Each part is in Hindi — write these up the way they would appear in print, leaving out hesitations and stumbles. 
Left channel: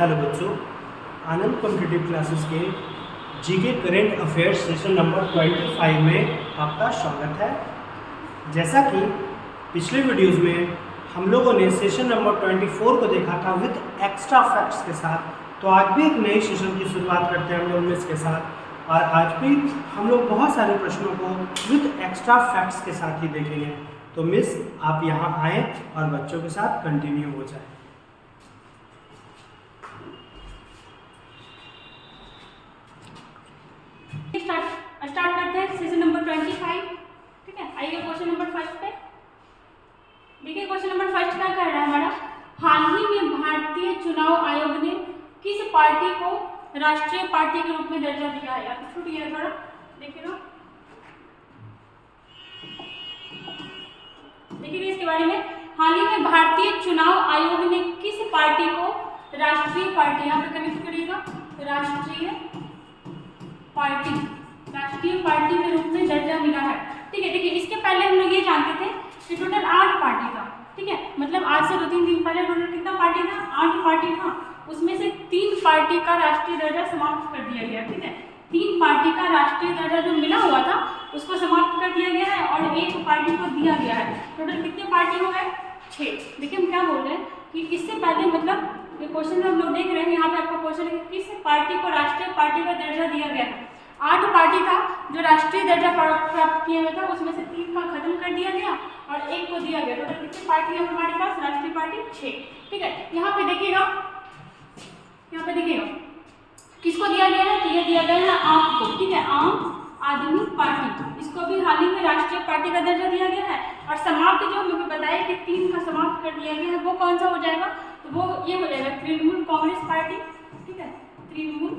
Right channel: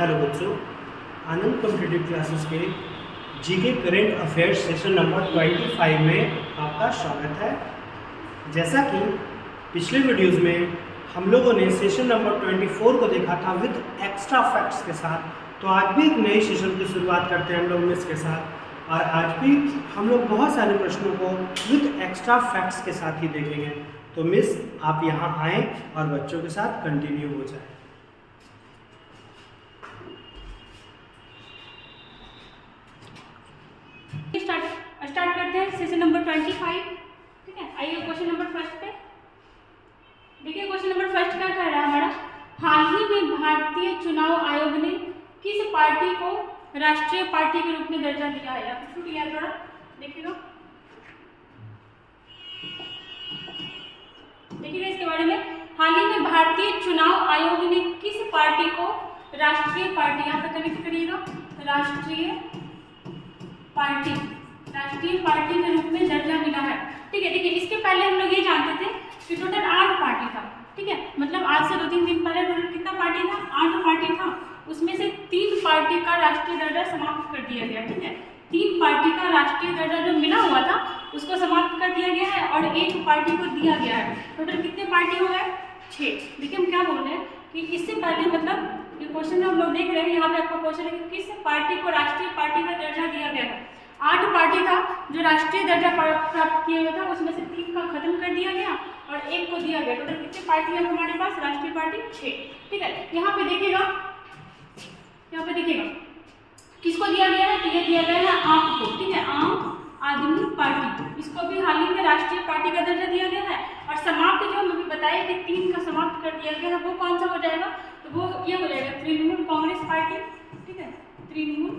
हेलो बच्चों, आनंद कॉम्पिटिटिव क्लासेस के GK current affairs session number 25 में आपका स्वागत है। जैसा कि पिछले वीडियोस में हम लोगों ने सेशन नंबर 24 को देखा था विद एक्स्ट्रा फैक्ट्स के साथ, तो आज भी एक नए सेशन की शुरुआत करते हैं हम लोग मिस के साथ। और आज भी हम लोग बहुत सारे प्रश्नों को विद एक्स्ट्रा फैक्ट्स के साथ ही देखेंगे। तो मिस आप यहाँ आएँ और बच्चों के साथ कंटिन्यू हो जाए। स्टार्ट करते हैं सेशन नंबर 25। ठीक है, आइए क्वेश्चन नंबर फर्स्ट पे। देखिए क्वेश्चन नंबर फर्स्ट क्या कह रहा है हमारा, हाल ही में भारतीय चुनाव आयोग ने किस पार्टी को राष्ट्रीय पार्टी के रूप में दर्जा दिया है? या छूट गया थोड़ा, देखिएगा देखिए इसके बारे में। हाल ही में भारतीय चुनाव आयोग ने किस पार्टी को राष्ट्रीय पार्टी, यहाँ पर कनेक्ट करिएगा, राष्ट्रीय पार्टी के रूप में दर्जा मिला है। ठीक है, देखिए इसके पहले हम लोग ये जानते थे कि टोटल 8 पार्टी था। ठीक है, मतलब आज से 2-3 दिन पहले टोटल कितना पार्टी था? 8 पार्टी था। उसमें से 3 पार्टी का राष्ट्रीय दर्जा समाप्त कर दिया गया। ठीक है, 3 पार्टी का राष्ट्रीय दर्जा जो मिला हुआ था उसको समाप्त कर दिया गया है और 1 पार्टी को दिया गया है। टोटल कितने पार्टी हो गए? 6। देखिए हम क्या बोल रहे हैं कि इससे पहले, मतलब ये क्वेश्चन में हम लोग देख रहे हैं, यहाँ पे आपका क्वेश्चन है कि किस पार्टी को राष्ट्रीय पार्टी का दर्जा दिया गया है। 8 पार्टी था जो राष्ट्रीय दर्जा प्राप्त किया हुआ था, उसमें से 3 का खत्म कर दिया गया और 1 को दिया गया। टोटल कितनी पार्टी है हमारे पास? राष्ट्रीय पार्टी 6। ठीक है, यहाँ पे देखिएगा किसको दिया गया है? तो ये दिया गया है आम को। ठीक है, आम आदमी पार्टी, इसको भी हाल ही में राष्ट्रीय पार्टी का दर्जा दिया गया है। और समाप्त जो हमें बताया कि 3 का समाप्त कर दिया गया है, वो कौन सा हो जाएगा? तो वो ये हो जाएगा तृणमूल कांग्रेस पार्टी। ठीक है, तृणमूल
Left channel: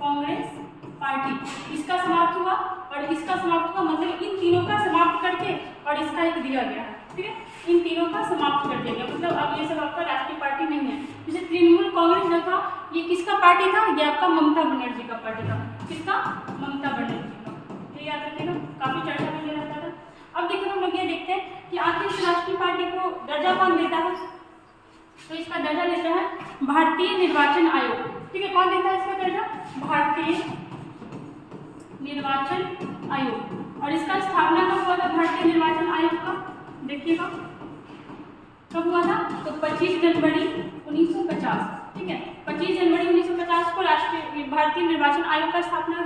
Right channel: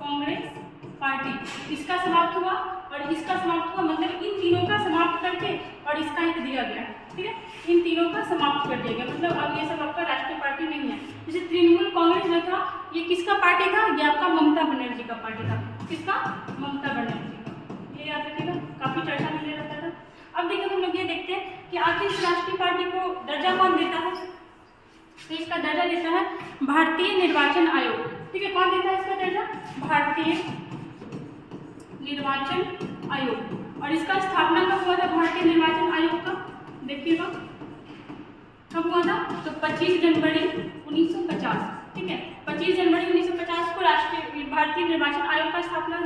कांग्रेस पार्टी, इसका समाप्त हुआ और इसका समाप्त हुआ, मतलब इन तीनों का समाप्त करके और इसका एक दिया गया है। ठीक है, इन तीनों का समाप्त कर दिया गया, मतलब अब ये सब आपका राष्ट्रीय पार्टी नहीं है। जैसे तृणमूल कांग्रेस जो था ये किसका पार्टी था? ये आपका ममता बनर्जी का पार्टी था। किसका? ममता बनर्जी का। ये याद रखिएगा, काफी चर्चा में ले जाता था। अब देखिए हम लोग ये देखते हैं कि आखिर इस राष्ट्रीय पार्टी को दर्जा कौन देता है? तो इसका दर्जा देता है भारतीय निर्वाचन आयोग। ठीक है, कौन देता है इसका दर्जा? भारतीय निर्वाचन आयोग। और इसका स्थापना कब हुआ था भारतीय निर्वाचन आयोग का? देखिएगा कब हुआ था? तो 25 जनवरी 1950। ठीक है, 25 जनवरी 1950 को राष्ट्रीय भारतीय निर्वाचन आयोग का स्थापना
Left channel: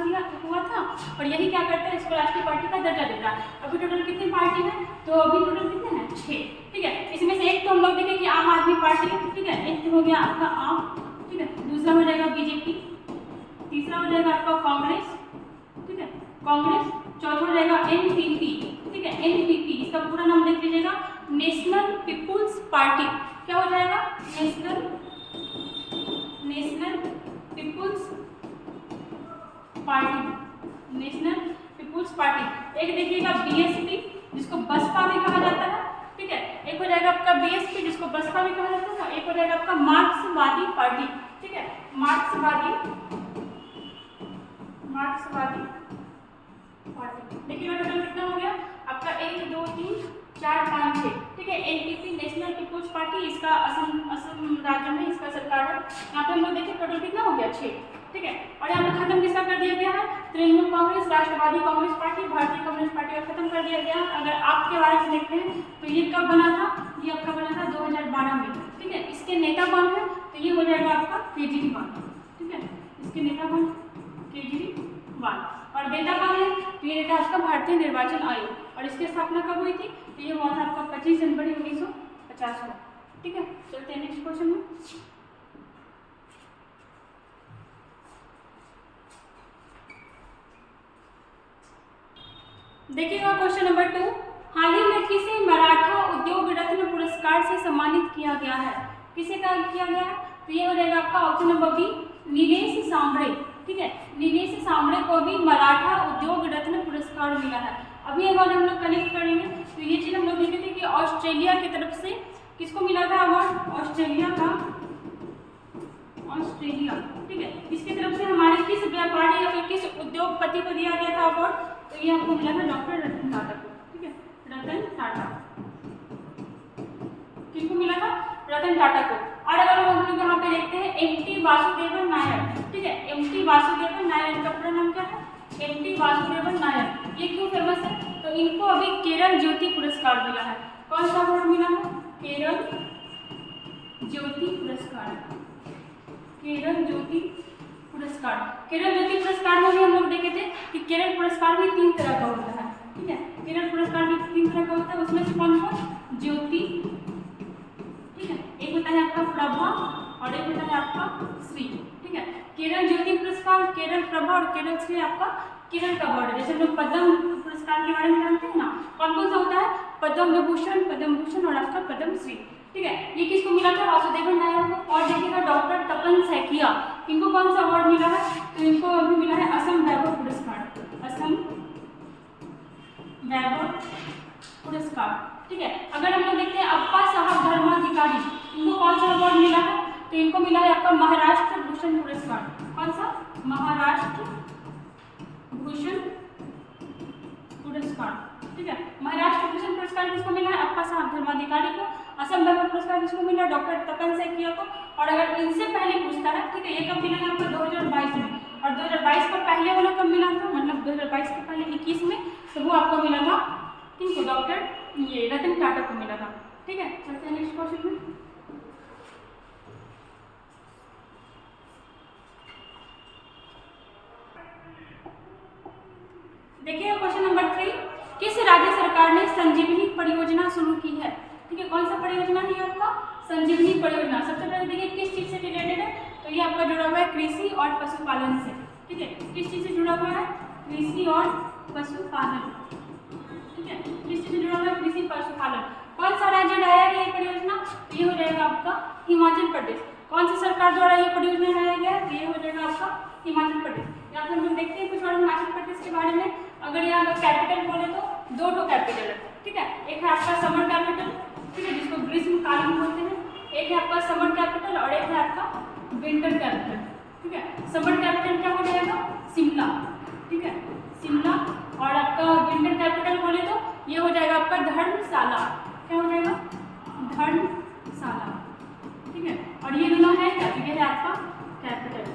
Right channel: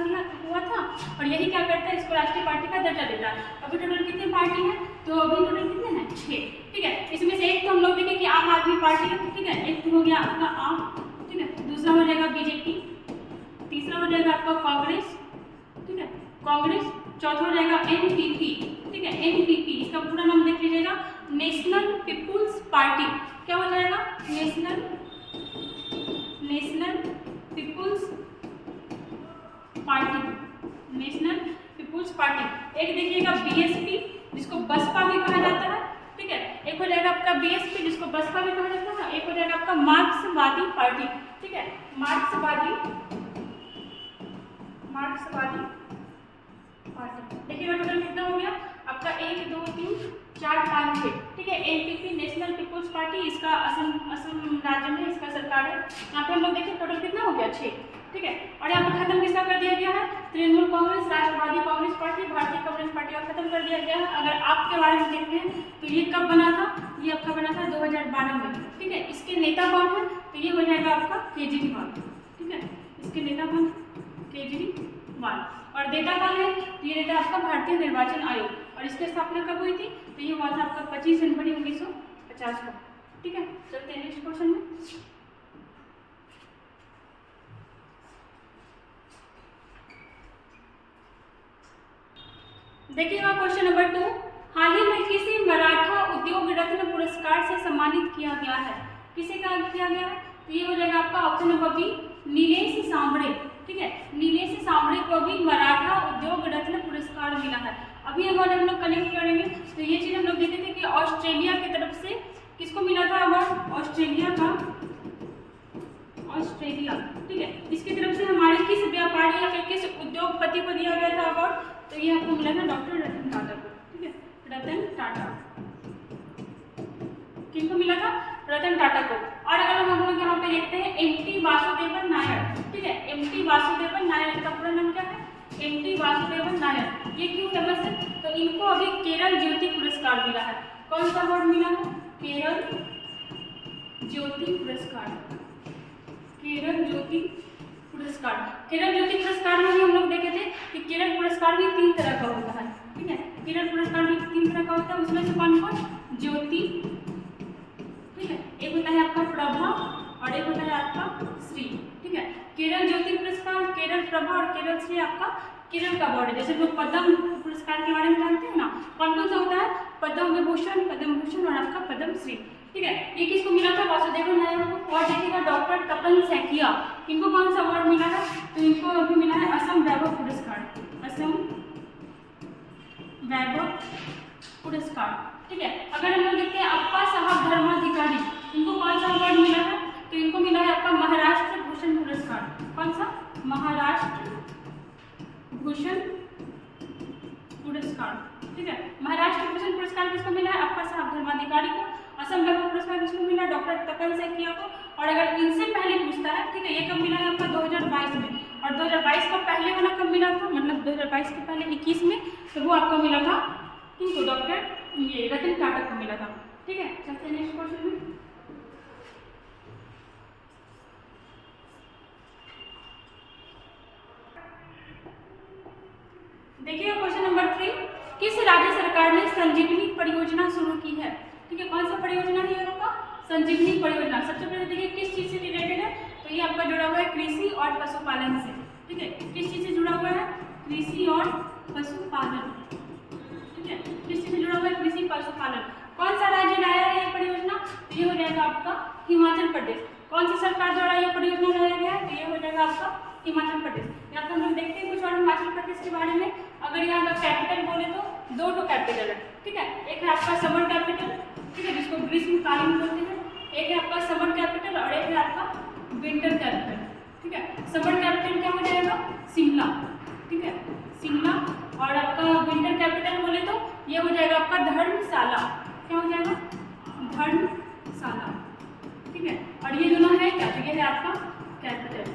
हुआ था। और यही क्या करता है? इसको राष्ट्रीय पार्टी का दर्जा देता है। अभी टोटल कितनी पार्टी है? तो अभी टोटल कितने हैं? 6। ठीक है, इसमें से एक तो हम लोग देखें कि आम आदमी पार्टी है। ठीक है, एक तो हो गया आपका आम, ठीक है, दूसरा हो जाएगा बीजेपी, तीसरा हो जाएगा आपका कांग्रेस, ठीक है, कांग्रेस, चौथा हो जाएगा एनपीपी। ठीक है, एनपीपी, इसका पूरा नाम देख लीजिएगा, नेशनल पीपुल्स पार्टी। क्या हो जाएगा? National people's party, national people's party. एक देखिएगा बीएसपी, जिसको बसपा भी कहा जाता है। ठीक है, एक हो जाएगा आपका बीएसपी, जिसको बसपा भी कहा जाता है। एक हो जाएगा आपका मार्क्सवादी पार्टी। ठीक है, मार्क्सवादी पार्टी। देखिएगा टोटल कितना हो गया आपका? 1 2 3 4 5 6। ठीक है, एनपीपी नेशनल पीपुल्स पार्टी, इसका असम राज्य में इसका सरकार है। यहाँ पे हम लोग देखिए टोटल कितना हो गया? 6। ठीक है, और यहाँ पे खत्म किसका कर दिया गया है? तृणमूल कांग्रेस, राष्ट्रवादी कांग्रेस पार्टी, भारतीय कम्युनिस्ट पार्टी, और खत्म कर दिया गया है। अगर आपके बारे में देखते हैं तो ये कब बना था? ये आपका बना था 2012 में। ठीक है, इसके नेता कौन है? तो ये हो जाएगा आपका केजरीवाल। ठीक है, इसके नेता कौन? केजरीवाल। और नेता कौन है? तो ये नेता आपका भारतीय निर्वाचन आयोग। और इसकी स्थापना कब हुई थी? तो ये हुआ था आपका 25 जनवरी 1950 को। ठीक है, चलते हैं नेक्स्ट क्वेश्चन में। देखिएगा क्वेश्चन नंबर 2, हाल ही में किसे मराठा उद्योग रत्न पुरस्कार से सम्मानित किया गया है? किसे क्या किया गया है? तो ये हो जाएगा आपका option number B, Nilesh Sambare. ठीक है, नीलेश सांबरे को भी मराठा उद्योग रत्न पुरस्कार मिला है। अभी अगर हम लोग कनेक्ट करेंगे तो ये चीज हम लोग देखे थे कि ऑस्ट्रेलिया की तरफ से किसको मिला था अवार्ड? ऑस्ट्रेलिया। ठीक है, इसकी तरफ से हमारे किस व्यापारी या फिर किस उद्योगपति को दिया गया था अवार्ड? तो ये आपको मिला था डॉक्टर रतन टाटा को। ठीक है, रतन टाटा। किनको मिला था? रतन टाटा को। और अगर हम लोग यहाँ पे देखते हैं एंटी वासुदेवन नायर, ठीक है। एम.टी. वासुदेवन नायर, इनका पूरा नाम क्या है? एम.टी. वासुदेवन नायर। ये क्यों फेमस है? तो इनको अभी केरल ज्योति पुरस्कार मिला है। कौन सा अवार्ड मिला है? केरल ज्योति पुरस्कार। केरल ज्योति पुरस्कार। केरल ज्योति पुरस्कार में भी हम लोग देखे थे कि केरल पुरस्कार भी 3 तरह का होता है, ठीक है। केरल पुरस्कार भी 3 तरह का होता है, उसमें से कौन कौन? ज्योति, ठीक है, एक होता है आपका प्रभा और एक होता है आपका श्री, ठीक है। केरल ज्योति पुरस्कार, केरल प्रभा और केरल श्री आपका केरल का अवार्ड है। जैसे लोग पद्म पुरस्कार के बारे में जानते हैं ना, कौन कौन सा होता है? पद्म विभूषण और आपका पद्म श्री, ठीक है। ये किसको मिला था? वासुदेवन नायर को। और देखिएगा डॉक्टर तपन सैकिया, इनको कौन सा अवार्ड मिला है? तो इनको अभी मिला है असम वैभव पुरस्कार। असम वैभव पुरस्कार, ठीक है। अगर हम लोग देखते हैं अप्पा साहब धर्माधिकारी, इनको कौन सा अवार्ड मिला है? तो इनको मिला है आपका महाराष्ट्र भूषण पुरस्कार। कौन सा? महाराष्ट्र भूषण पुरस्कार, ठीक है। महाराष्ट्र भूषण पुरस्कार किसको मिला है? अप्पा साहब धर्माधिकारी को। असम वैभव पुरस्कार किसको मिला? डॉक्टर तपन सैकिया को। और अगर इनसे पहले पूछता है, ठीक है, ये कब मिला है आपका? 2022 में। और 2022 का पहले वाला कब मिला था? मतलब 2022 के पहले 21 में, तो वो आपको मिला था किनको? डॉक्टर ये रतन टाटा को मिला था, ठीक है। चलते हैं नेक्स्ट क्वेश्चन में। देखिए क्वेश्चन नंबर 3, किस राज्य सरकार ने संजीवनी परियोजना शुरू की है? ठीक है, कौन सा परियोजना है आपका? संजीवनी परियोजना। सबसे पहले देखिए किस चीज से रिलेटेड है? तो ये आपका जुड़ा हुआ है कृषि और पशुपालन से, ठीक है। किस चीज से जुड़ा हुआ है? कृषि और पशुपालन, ठीक है। किस चीज से जुड़ा हुआ है? कृषि पशुपालन। कौन सा राज्य लाया है ये परियोजना? तो ये हो जाएगा आपका हिमाचल प्रदेश। कौन सी सरकार द्वारा ये परियोजना लाया गया है? तो ये हो जाएगा आपका हिमाचल प्रदेश। यहाँ पर हम लोग देखते हैं कुछ और हिमाचल प्रदेश के बारे में। अगर यहाँ का कैपिटल बोले तो 2 कैपिटल है, ठीक है। एक है आपका समर कैपिटल, ठीक है, जिसको ग्रीष्मकालीन बोलते हैं। एक है आपका समर कैपिटल और एक है आपका विंटर कैपिटल, ठीक है। समर कैपिटल क्या हो जाएगा? शिमला, ठीक है, शिमला। और आपका विंटर कैपिटल बोले तो ये हो जाएगा आपका धर्मशाला। क्या हो जाएगा? धर्मशाला, ठीक है। और ये दोनों है क्या? तो ये है आपका कैपिटल,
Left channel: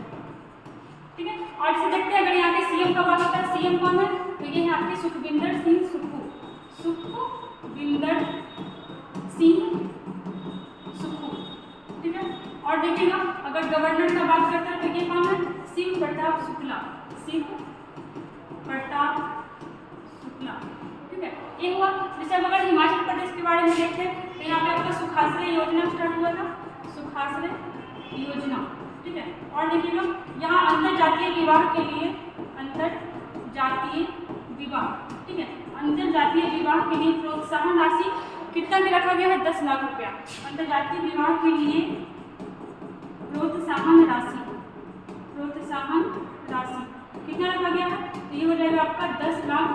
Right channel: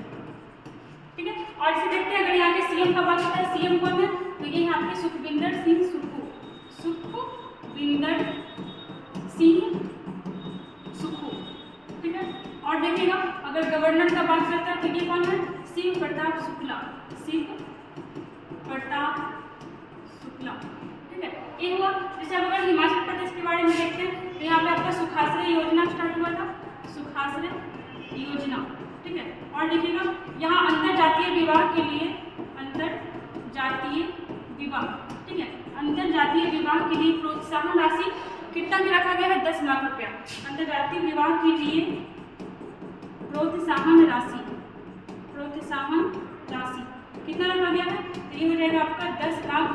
ठीक है। और इसे देखते हैं, अगर यहाँ के सीएम का बात होता है, सीएम कौन है? तो ये है आपके सुखविंदर सिंह सुक्खू। सुखविंदर सिंह सुक्खू, ठीक है। और देखिएगा अगर गवर्नर का बात करते हैं तो ये कौन है? शिव प्रताप शुक्ला। शिव प्रताप शुक्ला, ठीक है। ये हुआ। जैसे अब अगर हिमाचल प्रदेश के बारे में देखते हैं तो यहाँ पे आपका सुखाश्रय योजना स्टार्ट हुआ था, सुखाश्रय योजना, ठीक है। और देखिएगा यहाँ अंतरजातीय विवाह के लिए, अंतरजातीय विवाह, ठीक है, अंतरजातीय विवाह के लिए प्रोत्साहन राशि कितना भी रखा गया है? 10 लाख रुपया। अंतरजातीय विवाह के लिए प्रोत्साहन राशि कितना रखा गया है? तो ये हो जाएगा आपका 10 लाख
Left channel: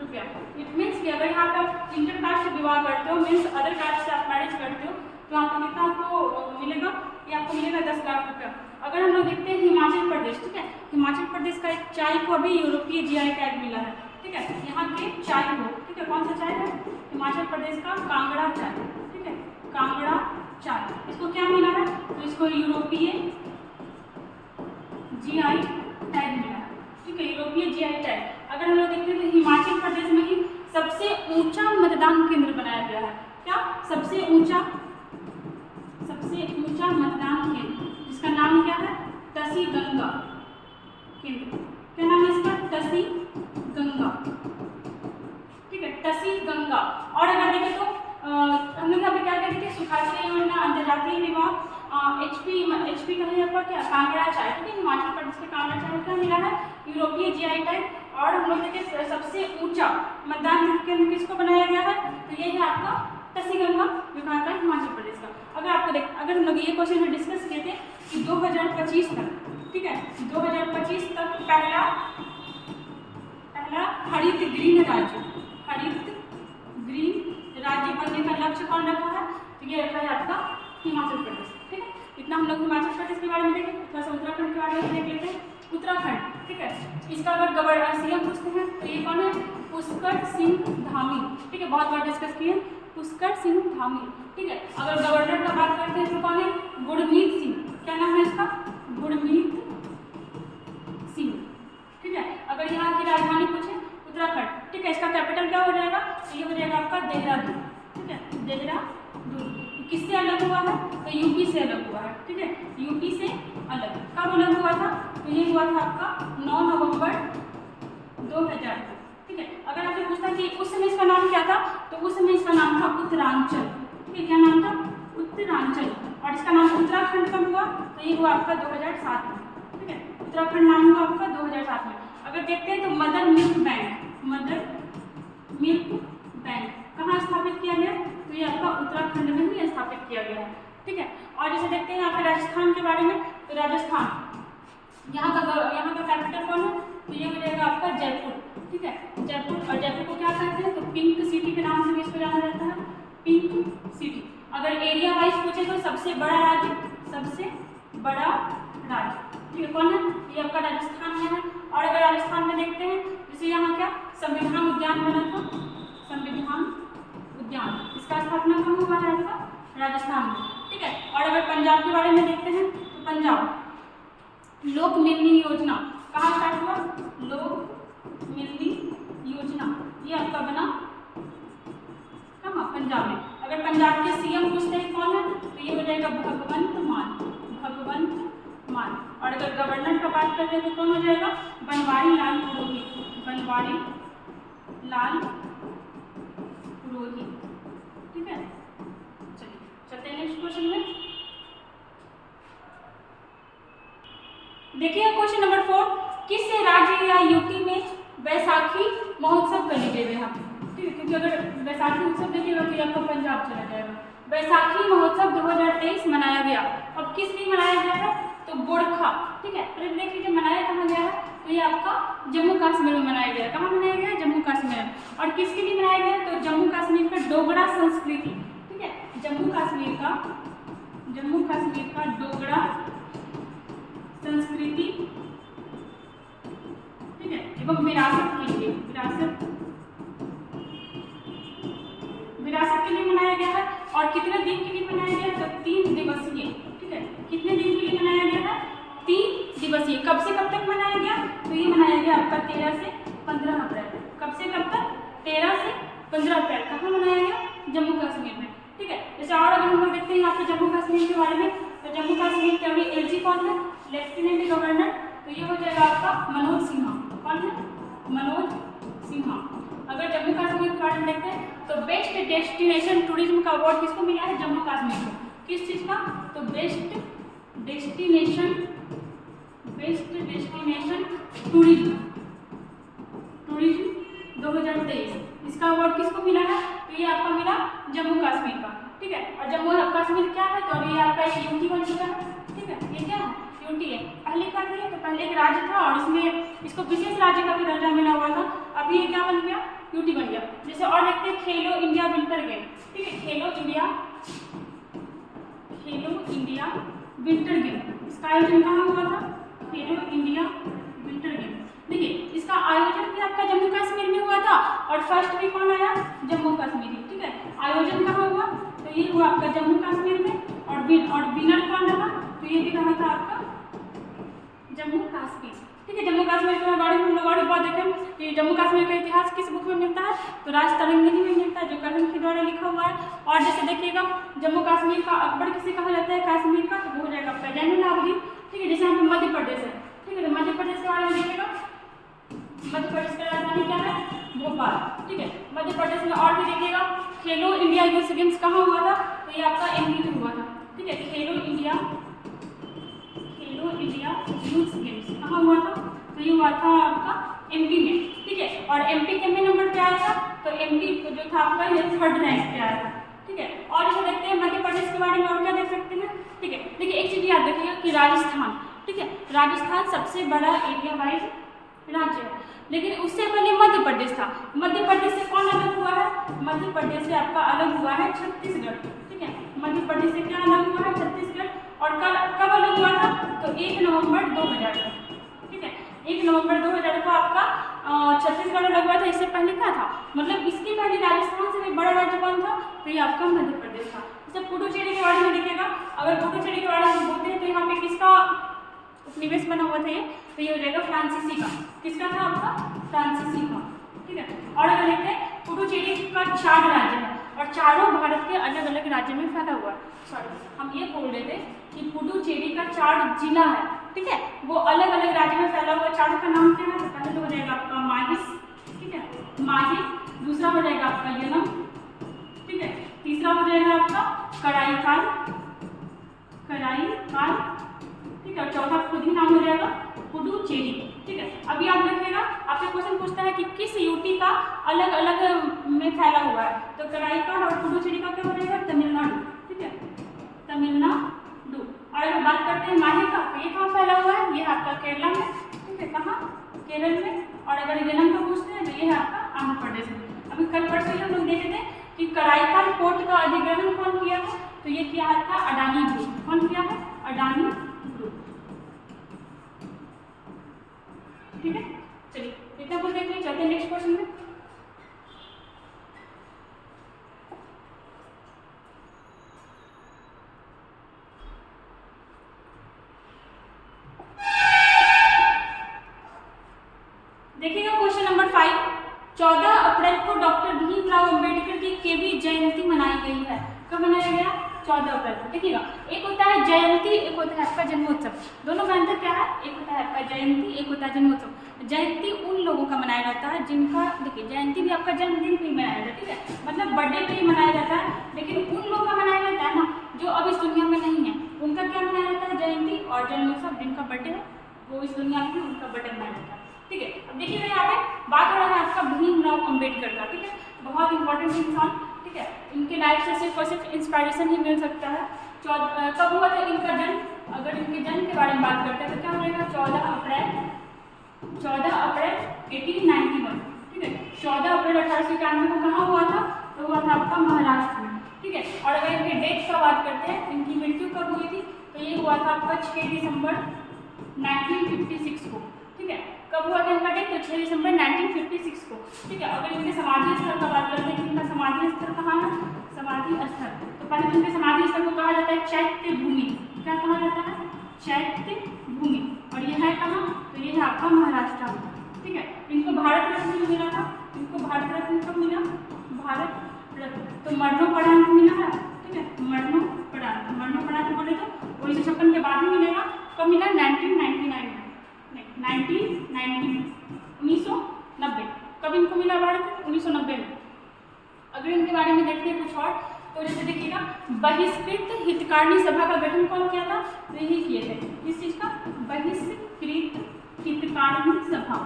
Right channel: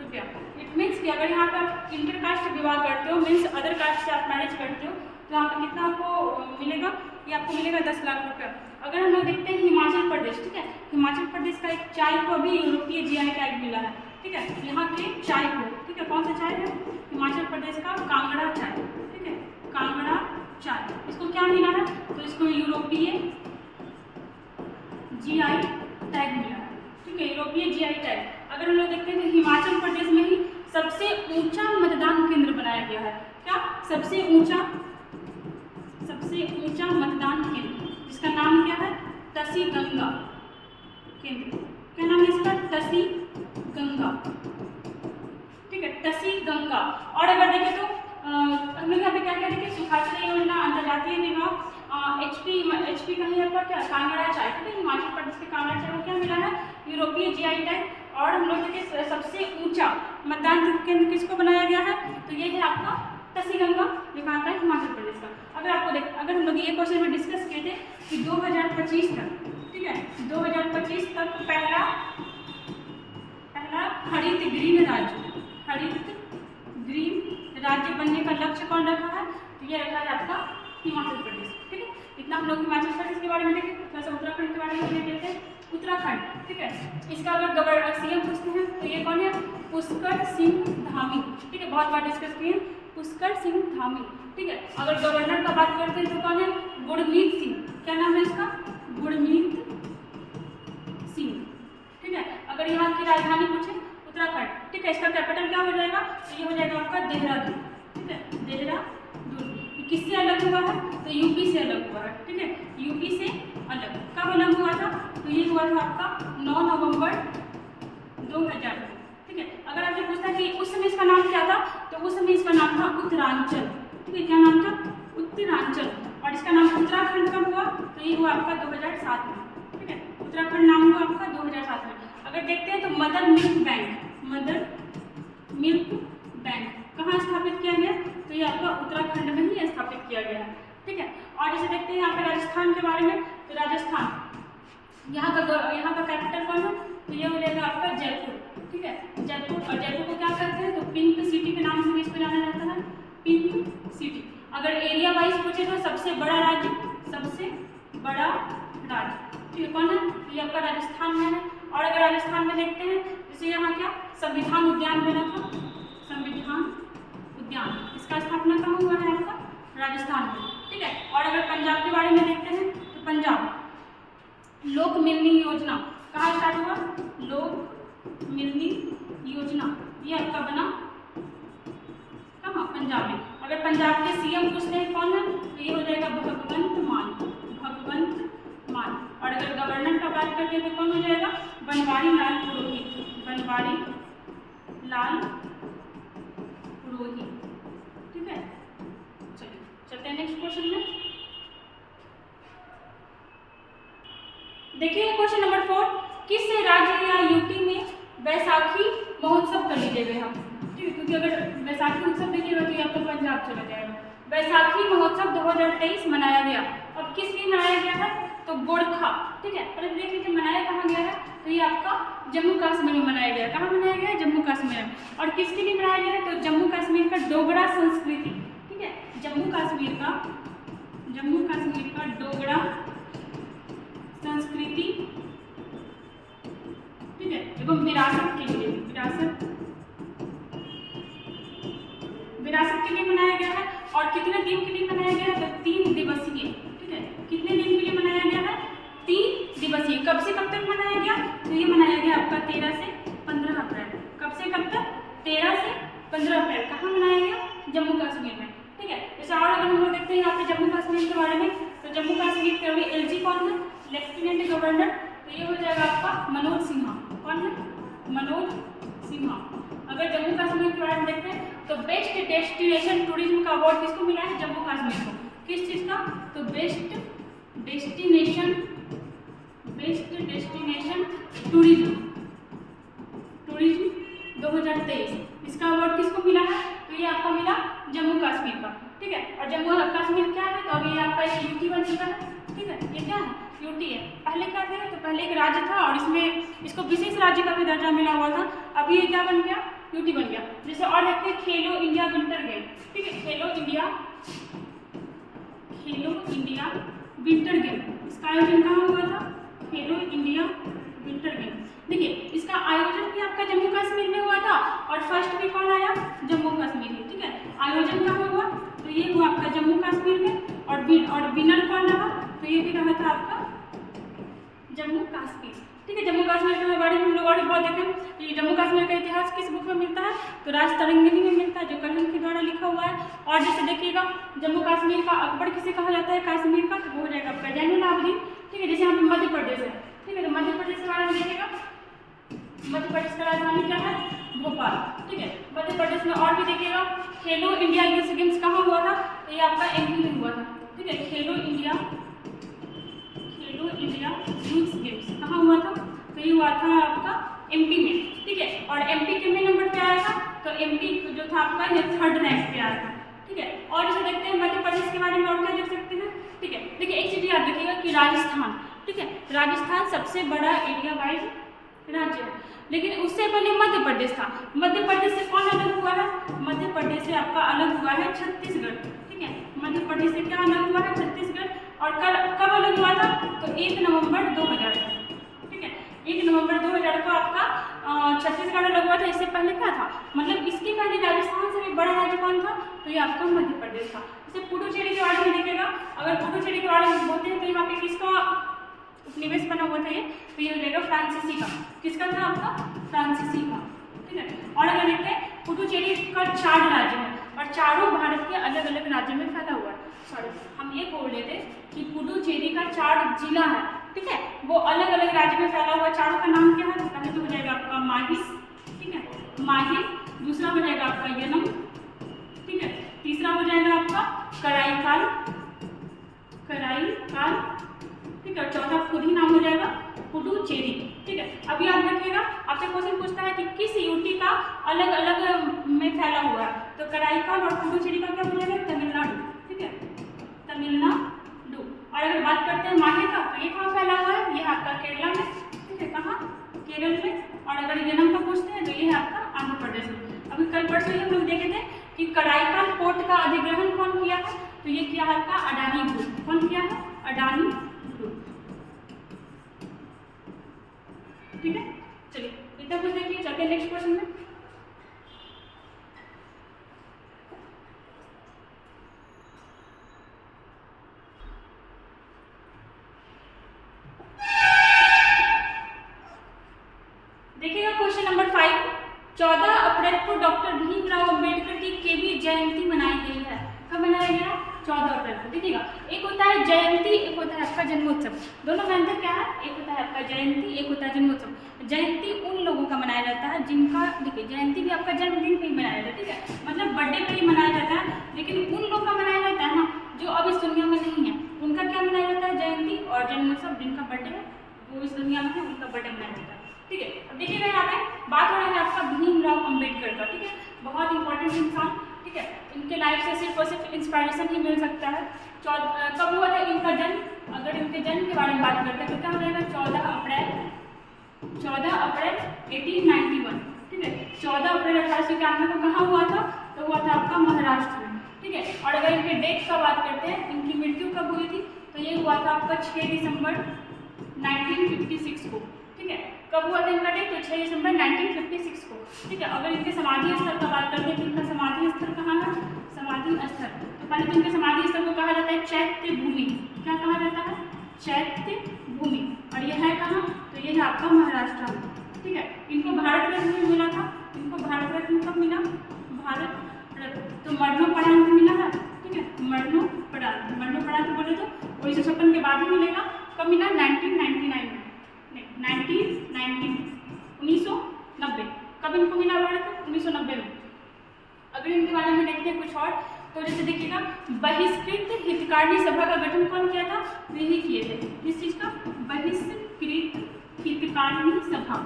रुपया। इट मीन्स कि अगर यहाँ पे आप इंटरकास्ट विवाह करते हो, मीन्स अदर कास्ट से आप मैरिज करते हो, तो यहाँ पे कितना आपको मिलेगा? ये आपको मिलेगा 10 लाख रुपया। अगर हम लोग देखते हैं हिमाचल प्रदेश, ठीक है, हिमाचल प्रदेश का एक चाय को अभी यूरोपीय जीआई टैग मिला है, ठीक है। यहाँ के चाय को, ठीक है, कौन सा चाय है? हिमाचल प्रदेश का कांगड़ा चाय, ठीक है, कांगड़ा चाय, इसको क्या मिला है? तो इसको यूरोपीय जीआई टैग मिला है, ठीक है, यूरोपीय जीआई टैग। अगर हम लोग देखते हैं तो हिमाचल प्रदेश में ही सबसे ऊंचा मतदान केंद्र बनाया गया है। क्या? सबसे ऊंचा मतदान केंद्र, जिसका नाम क्या है? तसी गंगा केंद्र। क्या नाम है इसका? तसी गंगा, ठीक है, तसी गंगा। और अगर देखें तो हम लोग यहाँ पे क्या क्या देखें? सुखाश्रय योजना, अंतर्राष्ट्रीय विवाह, एचपी का है आपका क्या? कांगड़ा चाय, ठीक है, हिमाचल प्रदेश के कांगड़ा चाय को क्या मिला है? यूरोपीय जीआई टैग। और हम लोग देखें सबसे ऊंचा मतदान केंद्र किसको बनाया गया है? तो ये है आपका तसी गंगा, ये कहाँ का है? हिमाचल प्रदेश का। अगर हम लोग ये क्वेश्चन में डिस्कस किए थे कि 2025 तक, ठीक है, 2025 तक पहला हरित ग्रीन राज्य बनने का लक्ष्य कौन रखा है? तो ये रखा है आपका हिमाचल प्रदेश, ठीक है। इतना हम लोग हिमाचल प्रदेश के बारे में देखें। थोड़ा सा उत्तराखंड के बारे में देख लेते हैं। उत्तराखंड, ठीक है, इसका अगर सीएम पूछते हैं तो ये कौन है? पुष्कर सिंह धामी, ठीक है, बहुत बार डिस्कस किए, पुष्कर सिंह धामी, ठीक है। अगर गवर्नर का बात करते हैं तो कौन है? गुरमीत सिंह। क्या नाम है इसका? से अलग हुआ है, ठीक है, यूपी से अलग। कब अलग हुआ था? तो ये हुआ था आपका 9 नवंबर 2000 में, ठीक है। अगर आपसे पूछता कि उस समय इसका नाम क्या था, तो उस समय इसका नाम था उत्तरांचल, ठीक है। क्या नाम था? उत्तरांचल। और इसका नाम उत्तराखंड कब हुआ? तो ये हुआ आपका 2007 में, ठीक है। उत्तराखंड नाम हुआ आपका 2007 में। अगर देखते हैं तो मदर मिल्क बैंक कहाँ स्थापित किया गया? तो ये आपका उत्तराखंड में ही स्थापित किया गया है, ठीक है। और जैसे देखते हैं यहाँ पे राजस्थान के बारे में, तो राजस्थान यहाँ का कैपिटल कौन है? तो ये हो जाएगा आपका जयपुर, ठीक है, जयपुर। और जयपुर को क्या कहते हैं? तो पिंक सिटी के नाम से भी इसको जाना जाता है, पिंक सिटी। अगर एरिया वाइज पूछे तो सबसे बड़ा राज्य, ठीक है, कौन है? ये आपका राजस्थान में है। और अगर राजस्थान में देखते हैं, जैसे यहाँ क्या संविधान उद्यान बना था, संविधान उद्यान, इसका स्थापना कहाँ हुआ है? आपका राजस्थान में, ठीक है। और अगर पंजाब के बारे में देखते हैं, तो पंजाब लोक मिलनी योजना कहाँ स्टार्ट हुआ? लोक मिलनी योजना, ये आपका बना कहाँ? पंजाब में। अगर पंजाब के सीएम पूछते हैं कौन है, तो ये हो जाएगा भगवंत मान। और अगर गवर्नर का बात करते हैं तो कौन हो जाएगा? बनवारी लाल पुरोहित, ठीक है। चलिए चलते हैं नेक्स्ट क्वेश्चन में। देखिए क्वेश्चन नंबर 4, किस राज्य या यूपी में बैसाखी महोत्सव कर लीजिएगा यहाँ, ठीक है, क्योंकि अगर बैसाखी उत्सव देखिएगा तो ये आपका पंजाब चला जाएगा। बैसाखी महोत्सव 2023 मनाया गया। अब किस लिए मनाया गया है? तो गोरखा, ठीक है। अरे देख लीजिए मनाया कहाँ गया है? तो ये आपका जम्मू कश्मीर में मनाया गया है। कहाँ मनाया गया है? जम्मू कश्मीर में। और किसके लिए मनाया गया है? तो जम्मू कश्मीर का डोगरा संस्कृति, ठीक है, जम्मू कश्मीर का डोगरा संस्कृति, ठीक है, एवं विरासत के लिए मनाया गया है। और कितने दिन के लिए मनाया गया है? तो 3 दिवसीय, ठीक है। कितने दिन के लिए मनाया गया है? 3 दिवसीय। कब से कब तक मनाया गया? तो ये मनाया गया आपका 13 से 15 अप्रैल। कब से कब तक? 13 से 15 अप्रैल। कहाँ मनाया गया? जम्मू कश्मीर में, ठीक है। जैसे और अगर हम लोग देखते हैं यहाँ पे जम्मू कश्मीर के बारे में, तो जम्मू कश्मीर के अभी एलजी कौन है? Lieutenant governor. तो ये हो जाएगा आपका मनोज सिन्हा। कौन है? मनोज सिन्हा। अगर जम्मू कश्मीर के बारे में देखते हैं तो बेस्ट डेस्टिनेशन टूरिज्म का अवार्ड किसको मिला है? जम्मू कश्मीर को। किस चीज़ का? तो बेस्ट डेस्टिनेशन टूरिज्म 2023, इसका अवार्ड किसको मिला है? तो ये आपको मिला जम्मू कश्मीर का, ठीक है। और जम्मू कश्मीर क्या है? तो अभी ये आपका एक यूटी बन चुका है, ठीक है। ये क्या है? यूटी है। पहले क्या थे? तो पहले एक राज्य था और इसमें इसको विशेष राज्य का भी दर्जा मिला हुआ था। अभी ये क्या बन गया? यूटी बन गया। जैसे और देखते हैं खेलो इंडिया विंटर गेम, ठीक है, खेलो इंडिया विंटर गेम, इसका आयोजन कहाँ हुआ था? खेलो इंडिया विंटर गेम। देखिए इसका आयोजन भी आपका जम्मू कश्मीर में हुआ था और फर्स्ट भी कौन आया? जम्मू कश्मीर ही, ठीक है। आयोजन कहाँ हुआ? तो ये हुआ आपका जम्मू कश्मीर में। और विनर कौन रहा? तो ये भी रहा था आपका जम्मू कश्मीर, ठीक है। जम्मू कश्मीर के बारे में हम लोग और बहुत देखें कि जम्मू कश्मीर का इतिहास किस बुक में मिलता है? तो राज तरंगिणी में मिलता है, जो कर्ण के द्वारा लिखा हुआ है। और जैसे देखिएगा जम्मू कश्मीर का अकबर किसे कहा जाता है कश्मीर का? तो वो हो जाएगा आपका जैनुल आबदीन, ठीक है। जैसे यहाँ पे मध्य प्रदेश है, ठीक है, तो मध्य प्रदेश के बारे में देखिएगा, मध्य प्रदेश का राजधानी क्या है? भोपाल, ठीक है। मध्य प्रदेश में और भी देखिएगा खेलो इंडिया यूथ गेम्स कहाँ हुआ था? तो ये आपका एमपी में हुआ था, ठीक है। खेलो इंडिया यूथ गेम्स कहाँ हुआ था? तो ये हुआ था आपका एमपी में, ठीक है। और एमपी कितने नंबर पे आया था? तो एमपी जो था आपका ये 3rd रैंक पे आया था, ठीक है। और जैसे देखते हैं मध्य प्रदेश के बारे में और क्या देख सकते हैं, ठीक है। देखिए एक चीज़ याद रखिएगा कि राजस्थान, ठीक है, राजस्थान सबसे बड़ा एरिया वाइज राज्य है। लेकिन उससे पहले मध्य प्रदेश था। मध्य प्रदेश से कौन अलग हुआ है? मध्य प्रदेश से आपका अलग हुआ है छत्तीसगढ़, ठीक है। मध्य प्रदेश से क्या अलग हुआ है? छत्तीसगढ़। और कब अलग हुआ था? तो 1 नवंबर 2000 को, ठीक है। 1 नवंबर 2000 को आपका छत्तीसगढ़ अलग हुआ था। इससे पहले क्या था? मतलब इसके पहले राजस्थान से भी बड़ा राज्य कौन था? तो ये आपका मध्य प्रदेश था। जैसे पुडुचेरी के बारे में देखिएगा, अगर पुडुचेरी के बारे में बोलते हैं तो यहाँ पे किसका उपनिवेश बना हुआ था? ये तो ये हो जाएगा फ्रांसीसी का। किसका था? आपका फ्रांसीसी का, ठीक है। और अगर देखते हैं पुडुचेरी का 4 राज्य है, और चारों भारत के अलग अलग राज्यों में फैला हुआ है। सॉरी, हम ये बोल रहे थे कि पुडुचेरी का 4 जिला है, ठीक है, वो अलग अलग राज्य में फैला हुआ। चारों का नाम क्या है? तो पहले तो हो जाएगा आपका माहिस, ठीक है, माही, दूसरा हो जाएगा आपका यनम, ठीक है, तीसरा हो जाएगा आपका कराईकाल, कराईकाल, ठीक है, चौथा खुद ही नाम हो जाएगा पुडुचेरी, ठीक है। अभी आप देखिएगा, आपसे क्वेश्चन पूछता है कि किस यूटी का अलग अलग में फैला हुआ है, तो कराईकाल और पुडुचेरी का क्या हो जाएगा? तमिलनाडु, ठीक है, तमिलनाडु। और अगर बात करते हैं माही का, तो ये कहाँ फैला हुआ है? ये आपका केरला में, ठीक है, कहाँ? केरल में। और अगर यनम का पूछते हैं तो ये है आपका आंध्र प्रदेश में। अभी कल परसों ही हम लोग देखे थे कि कराईकाल पोर्ट का अधिग्रहण कौन किया है? तो ये किया है आपका अडानी ग्रुप। कौन किया है? अडानी ग्रुप, ठीक है। चलिए इतना कुछ देखिए, चलते हैं नेक्स्ट क्वेश्चन में। देखिएगा क्वेश्चन नंबर 5, 14 अप्रैल को डॉक्टर भीमराव अंबेडकर की केवी जयंती मनाई गई है। कब मनाया गया? 14 अप्रैल को। देखिएगा, एक होता है जयंती, एक होता है आपका जन्मोत्सव। दोनों में अंतर क्या है? एक होता है आपका जयंती, एक होता है जन्मोत्सव। जयंती उन लोगों का मनाया जाता है जिनका, देखिए जयंती भी आपका जन्मदिन पे ही मनाया जाता है, ठीक है, मतलब बर्थडे पे ही मनाया जाता है। लेकिन उन लोगों का मनाया जाता है ना जो अब इस दुनिया में नहीं है, उनका क्या मनाया जाता है? जयंती। और जन्मोत्सव जिनका बर्थडे है वो इस दुनिया में है, उनका बर्थडे मनाया जाता है, ठीक है। अब देखिएगा यहाँ पे बात हो रहा है आपका भीमराव अंबेडकर का, ठीक है, बहुत इंपॉर्टेंट इंसान, ठीक है, इनके लाइफ से सिर्फ और सिर्फ इंस्पायरेशन ही मिल सकता है। कब हुआ था इनका जन्म? अगर इनके जन्म के बारे में बात करते हैं तो क्या हो जाएगा? 14 अप्रैल 1891, ठीक है, 14 अप्रैल 1891 को कहाँ हुआ था? तो हुआ था आपका महाराष्ट्र में, ठीक है। और अगर इनके डेट का बात करते हैं, इनकी मृत्यु कब हुई थी? तो ये हुआ था आपका 6 दिसंबर 1956 को, ठीक है। कब हुआ था इनका डेट? तो 6 दिसंबर 1956 को, ठीक है। अगर इनके समाधि स्थल का बात करते हैं कि इनका समाधि स्थल कहाँ है? समाधि स्थल, तो पहले तो इनके समाधि स्थल को कहा जाता है चैत्य भूमि। क्या कहा जाता है? चैत्य भूमि। और ये है कहाँ? तो ये है आपका महाराष्ट्र में, ठीक है। इनको भारत रत्न भी मिला था। इनको भारत रत्न कब मिला? भारत रत्न, तो मरणोपरांत मिला है, ठीक है, मरणोपरांत। मरणोपरांत बोले तो 1956 के बाद ही मिलेगा। कब मिला? 1999 में, 1990। कब इनको मिला भारत? 1990 में। अगर इनके बारे में देखते हैं कुछ और, तो जैसे देखिएगा, बहिष्कृत हितकारिणी सभा का गठन कौन किया था? यही किए थे। किस चीज का? बहिष्कृत हितकारिणी सभा,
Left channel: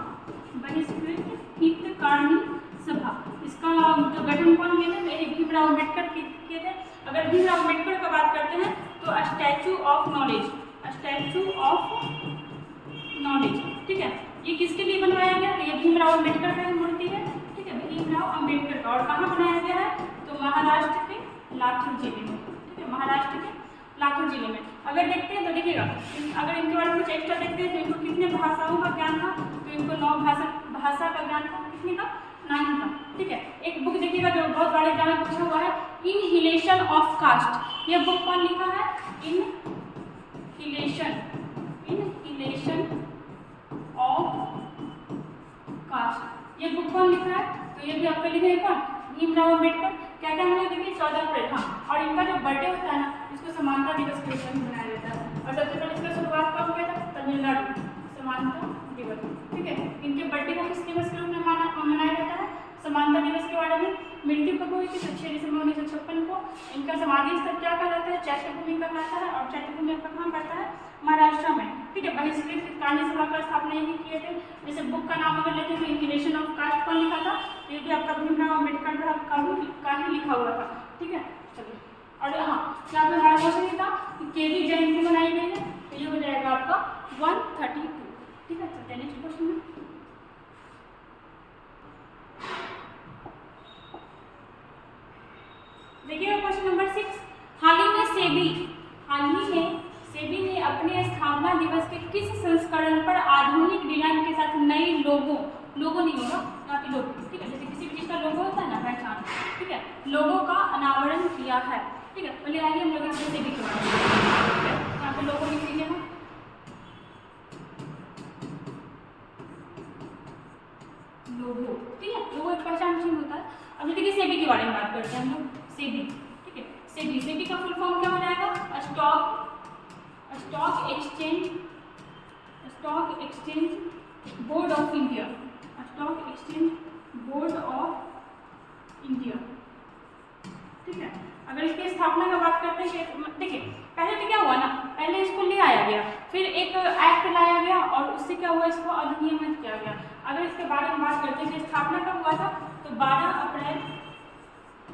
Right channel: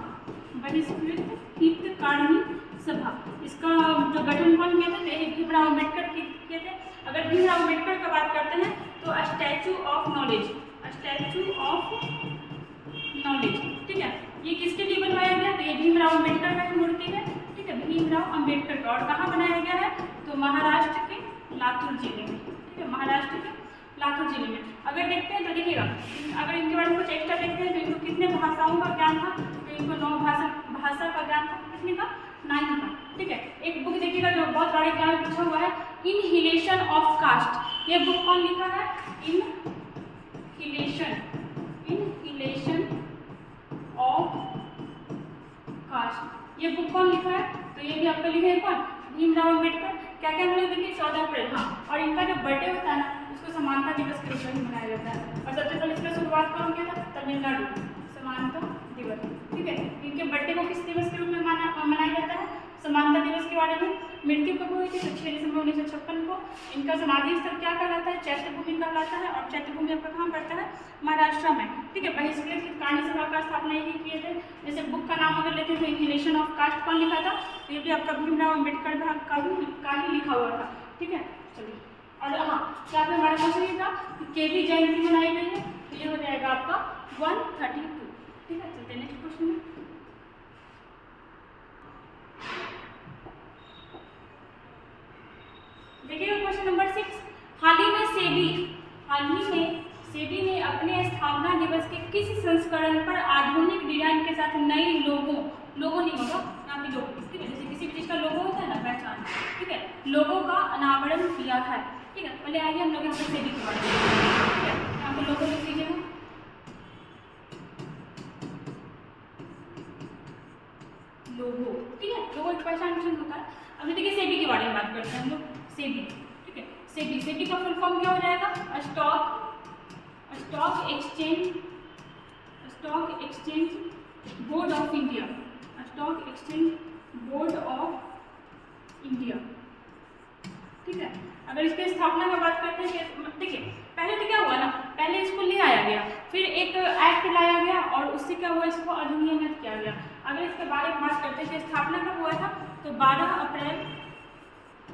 बहिष्कृत हितकारिणी सभा। इसका जो गठन कौन किए थे? तो यही भीमराव अम्बेडकर किए थे। अगर भीमराव अम्बेडकर का बात करते हैं तो statue of knowledge, statue of knowledge, ठीक है, ये किसके लिए बनवाया गया? तो ये भीमराव अम्बेडकर का मूर्ति है, ठीक है, भीमराव अम्बेडकर का। और कहाँ बनाया गया है? तो महाराष्ट्र के लातूर जिले में, ठीक है, महाराष्ट्र के लातूर जिले में। अगर देखते हैं तो देखिएगा, अगर इनके बारे में कुछ एक्स्ट्रा देखते हैं तो इनको कितने भाषाओं का ज्ञान था? तो इनको 9 भाषा का ज्ञान था। कितने का? 9 का, ठीक है। एक बुक देखिएगा जो बहुत बड़े एग्जाम में पूछा हुआ है, इनहिलेशन ऑफ कास्ट। ये बुक कौन लिखा है? Inhalation of cast. ये बुक कौन लिखा है? तो ये भी आपको लिखे हैं कौन? भीमराव अम्बेडकर। क्या क्या हम लोग देखिए 14 अप्रैल, हाँ। और इनका जो बर्थडे होता है ना, इसको समानता दिवस के रूप में मनाया जाता है। और सबसे पहले इसका शुरुआत कौन किया था? तमिलनाडु, समानता दिवस, ठीक है। इनके बर्थडे को किस दिवस के रूप में मनाया जाता है? समानता दिवस के बारे में। मृत्यु कब हुई थी? 6 दिसंबर 1956 को। इनका समाधि स्थल क्या कहलाता है? चैत्य भूमि कहलाता है। और चैत्य भूमि आपका कहाँ पड़ता है? महाराष्ट्र में, ठीक है। बहिष्कृत हितकारिणी सभा का स्थापना यही किए थे। जैसे बुक का नाम अगर लेते हैं तो इनहिलेशन ऑफ कास्ट कौन लिखा था? तो ये भी आपका भीमराव अम्बेडकर का ही लिखा हुआ था, ठीक है। चलिए, और हाँ, क्या पे हमारा क्वेश्चन ये था कि केवी जयंती मनाई गई है, तो ये हो जाएगा आपका 132, ठीक है। चलते हैं नेक्स्ट क्वेश्चन में। देखिएगा क्वेश्चन नंबर 6, हाल ही में सेबी ने अपने स्थापना दिवस के किस संस्करण पर आधुनिक डिजाइन के साथ नई लोगो नहीं होगा यहाँ पे लोगो, ठीक है, जैसे किसी भी चीज़ का लोगो होता है ना, पहचान, ठीक है, लोगो का अनावरण किया है, ठीक है। पहले आइए हम लोग यहाँ पे सेबी के बारे में, ठीक है, यहाँ पे लोगो लिख लीजिए ना, लोगो, ठीक है, लोगो एक पहचान चिन्ह होता है। अब देखिए सेबी के बारे में बात करते हैं हम लोग। सेबी, ठीक है। सेबी, सेबी का फुल फॉर्म क्या हो जाएगा? Stock exchange board of India, stock exchange board of India, ठीक है। अगर इसकी स्थापना की बात करते हैं कि देखिए पहले तो क्या हुआ ना, पहले इसको ले आया गया, फिर एक एक्ट लाया गया और उससे क्या हुआ, इसको अधिनियमित किया गया। अगर इसके बारे में बात करते हैं कि स्थापना कब हुआ था, तो 12 अप्रैल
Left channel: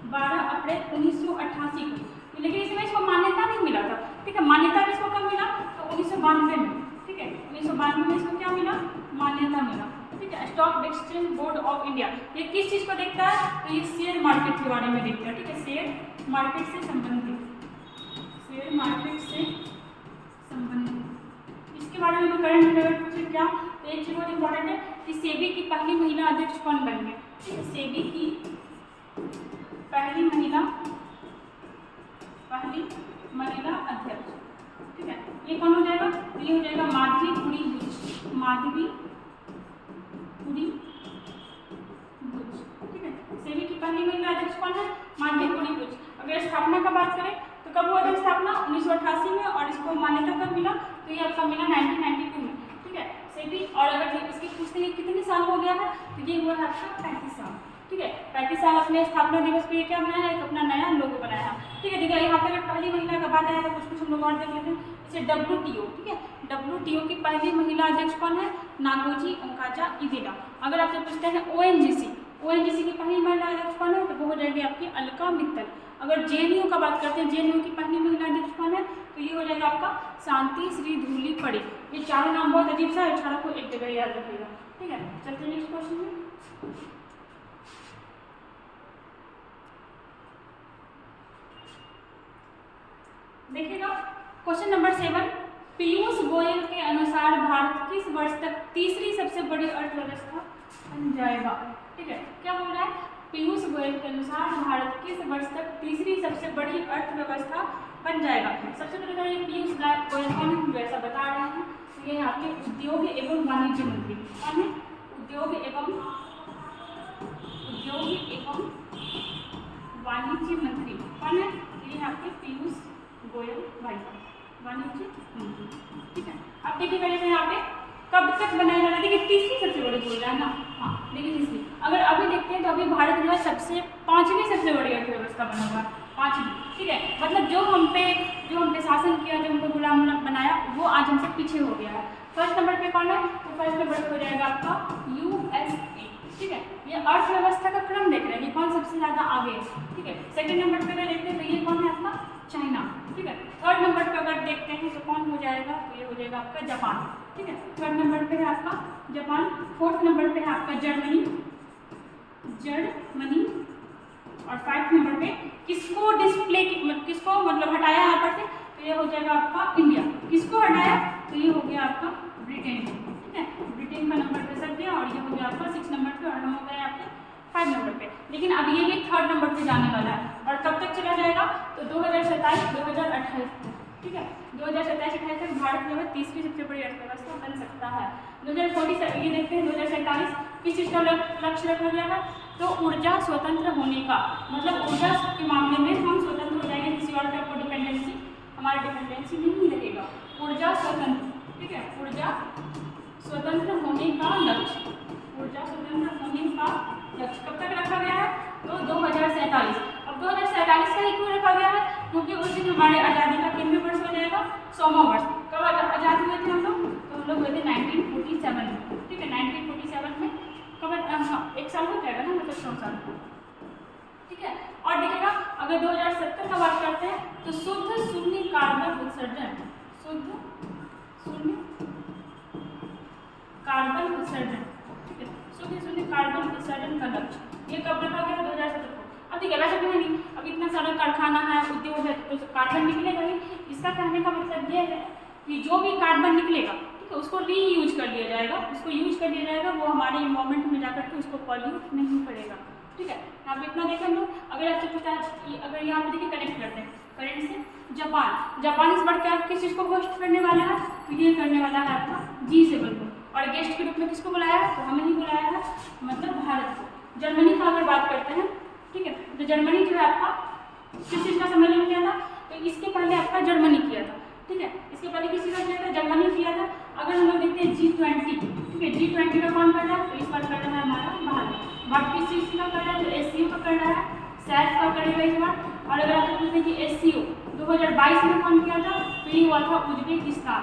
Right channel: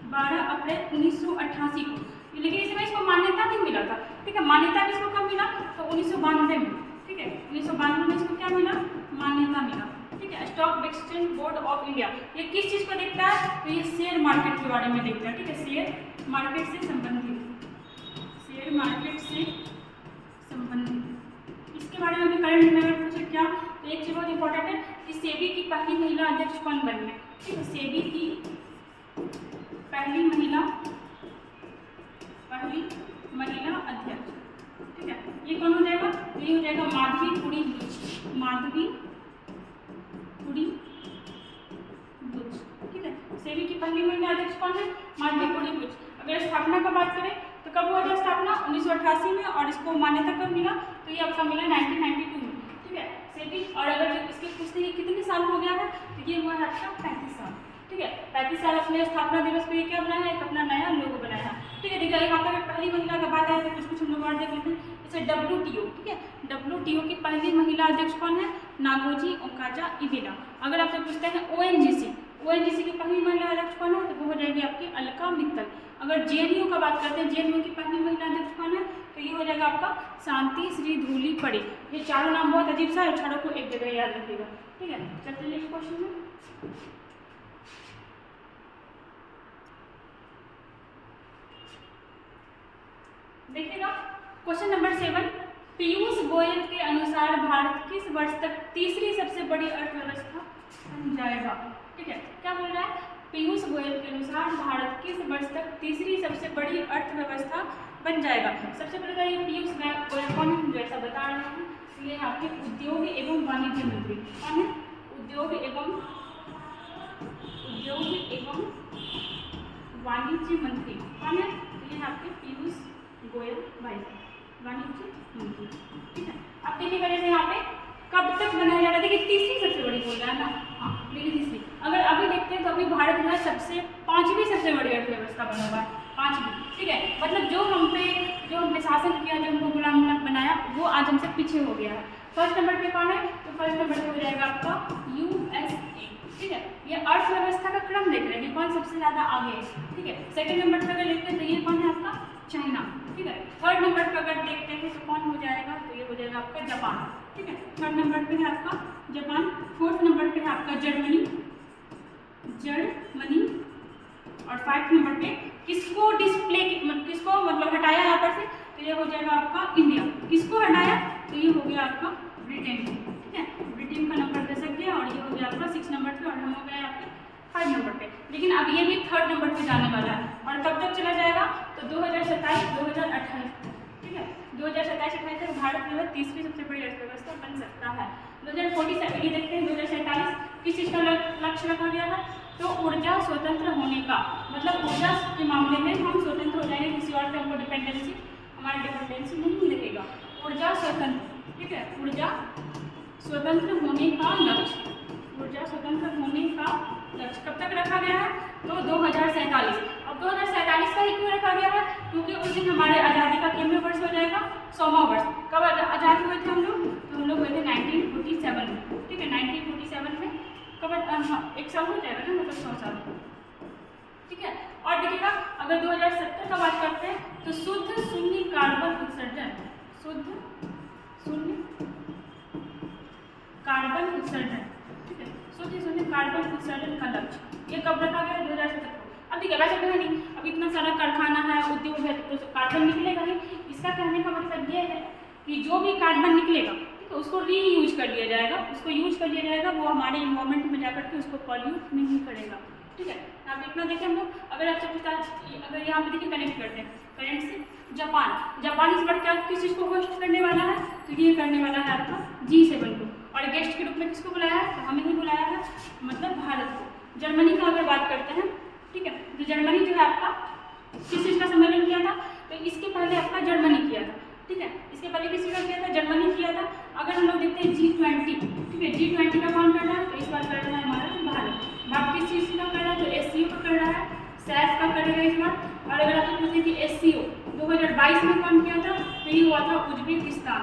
1988 को, लेकिन इसमें इसको मान्यता नहीं मिला था, ठीक है। मान्यता इसको कब मिला, तो 1992 में, ठीक है। 1992 में इसको क्या मिला, मान्यता मिला, ठीक है। Stock exchange board of India ये किस चीज़ को देखता है, तो ये शेयर मार्केट के बारे में देखता है, ठीक है। शेयर मार्केट से संबंधित, शेयर मार्केट से संबंधित इसके बारे में भी करंट अफेयर पूछे क्या, तो एक चीज़ बहुत इंपॉर्टेंट है कि सेबी की पहली महिला अध्यक्ष कौन बनी है, ठीक है। सेबी की पहली महिला अध्यक्ष, ठीक है, ये कौन हो जाएगा, ये हो जाएगा माधवी पुरी बुच, माधवी पुरी बुच, ठीक है। सेबी की पहली महिला अध्यक्ष कौन है, माधवी पुरी बुच। अगर स्थापना का बात करें तो कब हुआ था स्थापना, 1988 में, और इसको मान्यता कब मिला, तो ये आपका मिला 1992 में, ठीक है। सेबी, और अगर इसकी पूछते हैं कितने साल हो गया है, तो ये हुआ है आपका 35 साल, ठीक है। 35 साल अपने स्थापना दिवस पे क्या बनाया है, अपना नया लोगो बनाया है, ठीक है। देखिए यहाँ पर अगर पहली महिला का बात आया तो कुछ हम लोग और देख लेते हैं, जैसे WTO, ठीक है। WTO की पहली महिला अध्यक्ष कौन है, नागोजी ओकाजा इवेदा। अगर आपसे पूछते हैं ONGC की पहली महिला अध्यक्ष कौन है, तो वो हो जाएगी आपकी अलका मित्तल। अगर JNU का बात करते हैं, JNU की पहली महिला अध्यक्ष कौन है, तो ये हो जाएगा आपका शांति श्री धूली पड़े। ये चारों नाम बहुत अजीब सा है, छोड़ो को एक जगह याद रखिएगा, ठीक है। चलते हैं नेक्स्ट क्वेश्चन में। देखिएगा क्वेश्चन नंबर 7, पीयूष गोयल के अनुसार भारत किस वर्ष तक तीसरी सबसे बड़ी अर्थव्यवस्था बन जाएगा, ठीक है। क्या बोल रहा है, पीयूष गोयल के अनुसार भारत किस वर्ष तक तीसरी सबसे बड़ी अर्थव्यवस्था बन जाएगा। सबसे पहले ये पीयूष गोयल कौन है, जो ऐसा बता रहे हैं, तो ये आपके उद्योग एवं वाणिज्य मंत्री कौन है, उद्योग एवं वाणिज्य मंत्री कौन है, तो ये आपके पीयूष गोयल भाई वाणिज्य मंत्री, ठीक है। अब देखिएगा जैसे यहाँ पे कब तक बनाया जा रहा है, देखिए तीसरी सबसे बड़ी बोल रहा है ना, हाँ लेकिन तीसरी। अगर अभी देखते हैं तो अभी भारत जो है पांचवी सबसे बड़ी अर्थव्यवस्था बना हुआ है, पांचवी, ठीक है। मतलब जो हम पे शासन किया, जो हमको गुलाम बनाया, वो आज हमसे पीछे हो गया है। फर्स्ट नंबर पे कौन है, तो फर्स्ट नंबर पे हो जाएगा आपका USA, ठीक है। ये अर्थव्यवस्था का क्रम देख रहे हैं, कौन सबसे ज़्यादा आगे है, ठीक है। सेकंड नंबर पे अगर देखते हैं तो ये कौन है आपका चाइना, ठीक है। थर्ड नंबर पे अगर देखते हैं तो कौन हो जाएगा, तो ये हो जाएगा आपका जापान, ठीक है। थर्ड नंबर पे है आपका जापान, फोर्थ नंबर पे है आपका जर्मनी, और 5th नंबर पे किसको मतलब हटाया यहाँ पर से, तो ये हो जाएगा आपका इंडिया। किसको हटाया, तो ये हो गया आपका ब्रिटेन, ठीक है। ब्रिटेन का नंबर दशक गया, और ये हो गया आपका 6 नंबर पे, और हम हो गए आपके 5 नंबर पे। लेकिन अब ये भी 3rd नंबर पे जाने वाला है, और कब तक चला जाएगा, तो 2027-2028, ठीक है। 2027-28 तक भारत जो है तीसरी सबसे बड़ी अर्थव्यवस्था बन सकता है। 2047 ये देखते हैं 2047 किस चीज़ का लक्ष्य रखा गया है, तो ऊर्जा स्वतंत्र होने का, मतलब ऊर्जा के मामले में हम स्वतंत्र हो जाएंगे, किसी और पे हमको हमारा डिपेंडेंसी नहीं लगेगा। ऊर्जा स्वतंत्र, ठीक है, ऊर्जा स्वतंत्र होने का लक्ष्य, ऊर्जा स्वतंत्र होने का लक्ष्य कब तक रखा गया है, तो 2047। अब 2047 का ही क्यों रखा गया है, क्योंकि उस दिन हमारे आज़ादी का केंद्र वर्ष हो जाएगा 100वां वर्ष। कब आज़ाद हुए थे हम लोग, तो हम लोग हुए थे 1947 में, ठीक है। 1947 में कब एक साल हो जाएगा ना, मतलब 100 साल, ठीक है। और देखिएगा अगर 2070 का बात करते हैं तो शुद्ध शून्य कार्बन उत्सर्जन, ठीक है, शुद्ध शून्य कार्बन उत्सर्जन का लक्ष्य ये कब रखा गया, 2070 को। अब देखिए वैसे कहें नहीं, अब इतना सारा कारखाना है, उद्योग है, तो कार्बन निकलेगा ही। इसका कहने का मतलब ये है कि जो भी कार्बन निकलेगा, ठीक है, उसको रीयूज कर लिया जाएगा, वो हमारे इन्वायरमेंट में जाकर के उसको पॉल्यूट नहीं करेगा, ठीक है। आप इतना देखें हम लोग, अगर आपसे पूछता है, अगर यहाँ पे देखिए कनेक्ट करते हैं करेंट से जापान इस बार क्या किस चीज़ को होस्ट करने वाला है, तो ये करने वाला है आपका G7 को, और गेस्ट के रूप में किसको बुलाया है, तो हमें ही बुलाया है, मतलब भारत को। जर्मनी का अगर बात करते हैं, ठीक है, तो जर्मनी जो है आपका किस चीज़ का सम्मेलन किया था? तो इसके पहले आपका जर्मनी किया था, ठीक है। इसके पहले किसी का किया था? जर्मनी किया था। अगर हम लोग देखते हैं G20, ठीक है, G20 का कौन कर रहा है? तो इस बार कर रहा है हमारा भारत किस चीज़ का कर रहा है? तो SCO का कर रहा है, सैफ का करेगा इस बार। और अगर आपको पूछे कि SCO 2022 में कौन किया था? तो ये हुआ था उज्बेकिस्तान,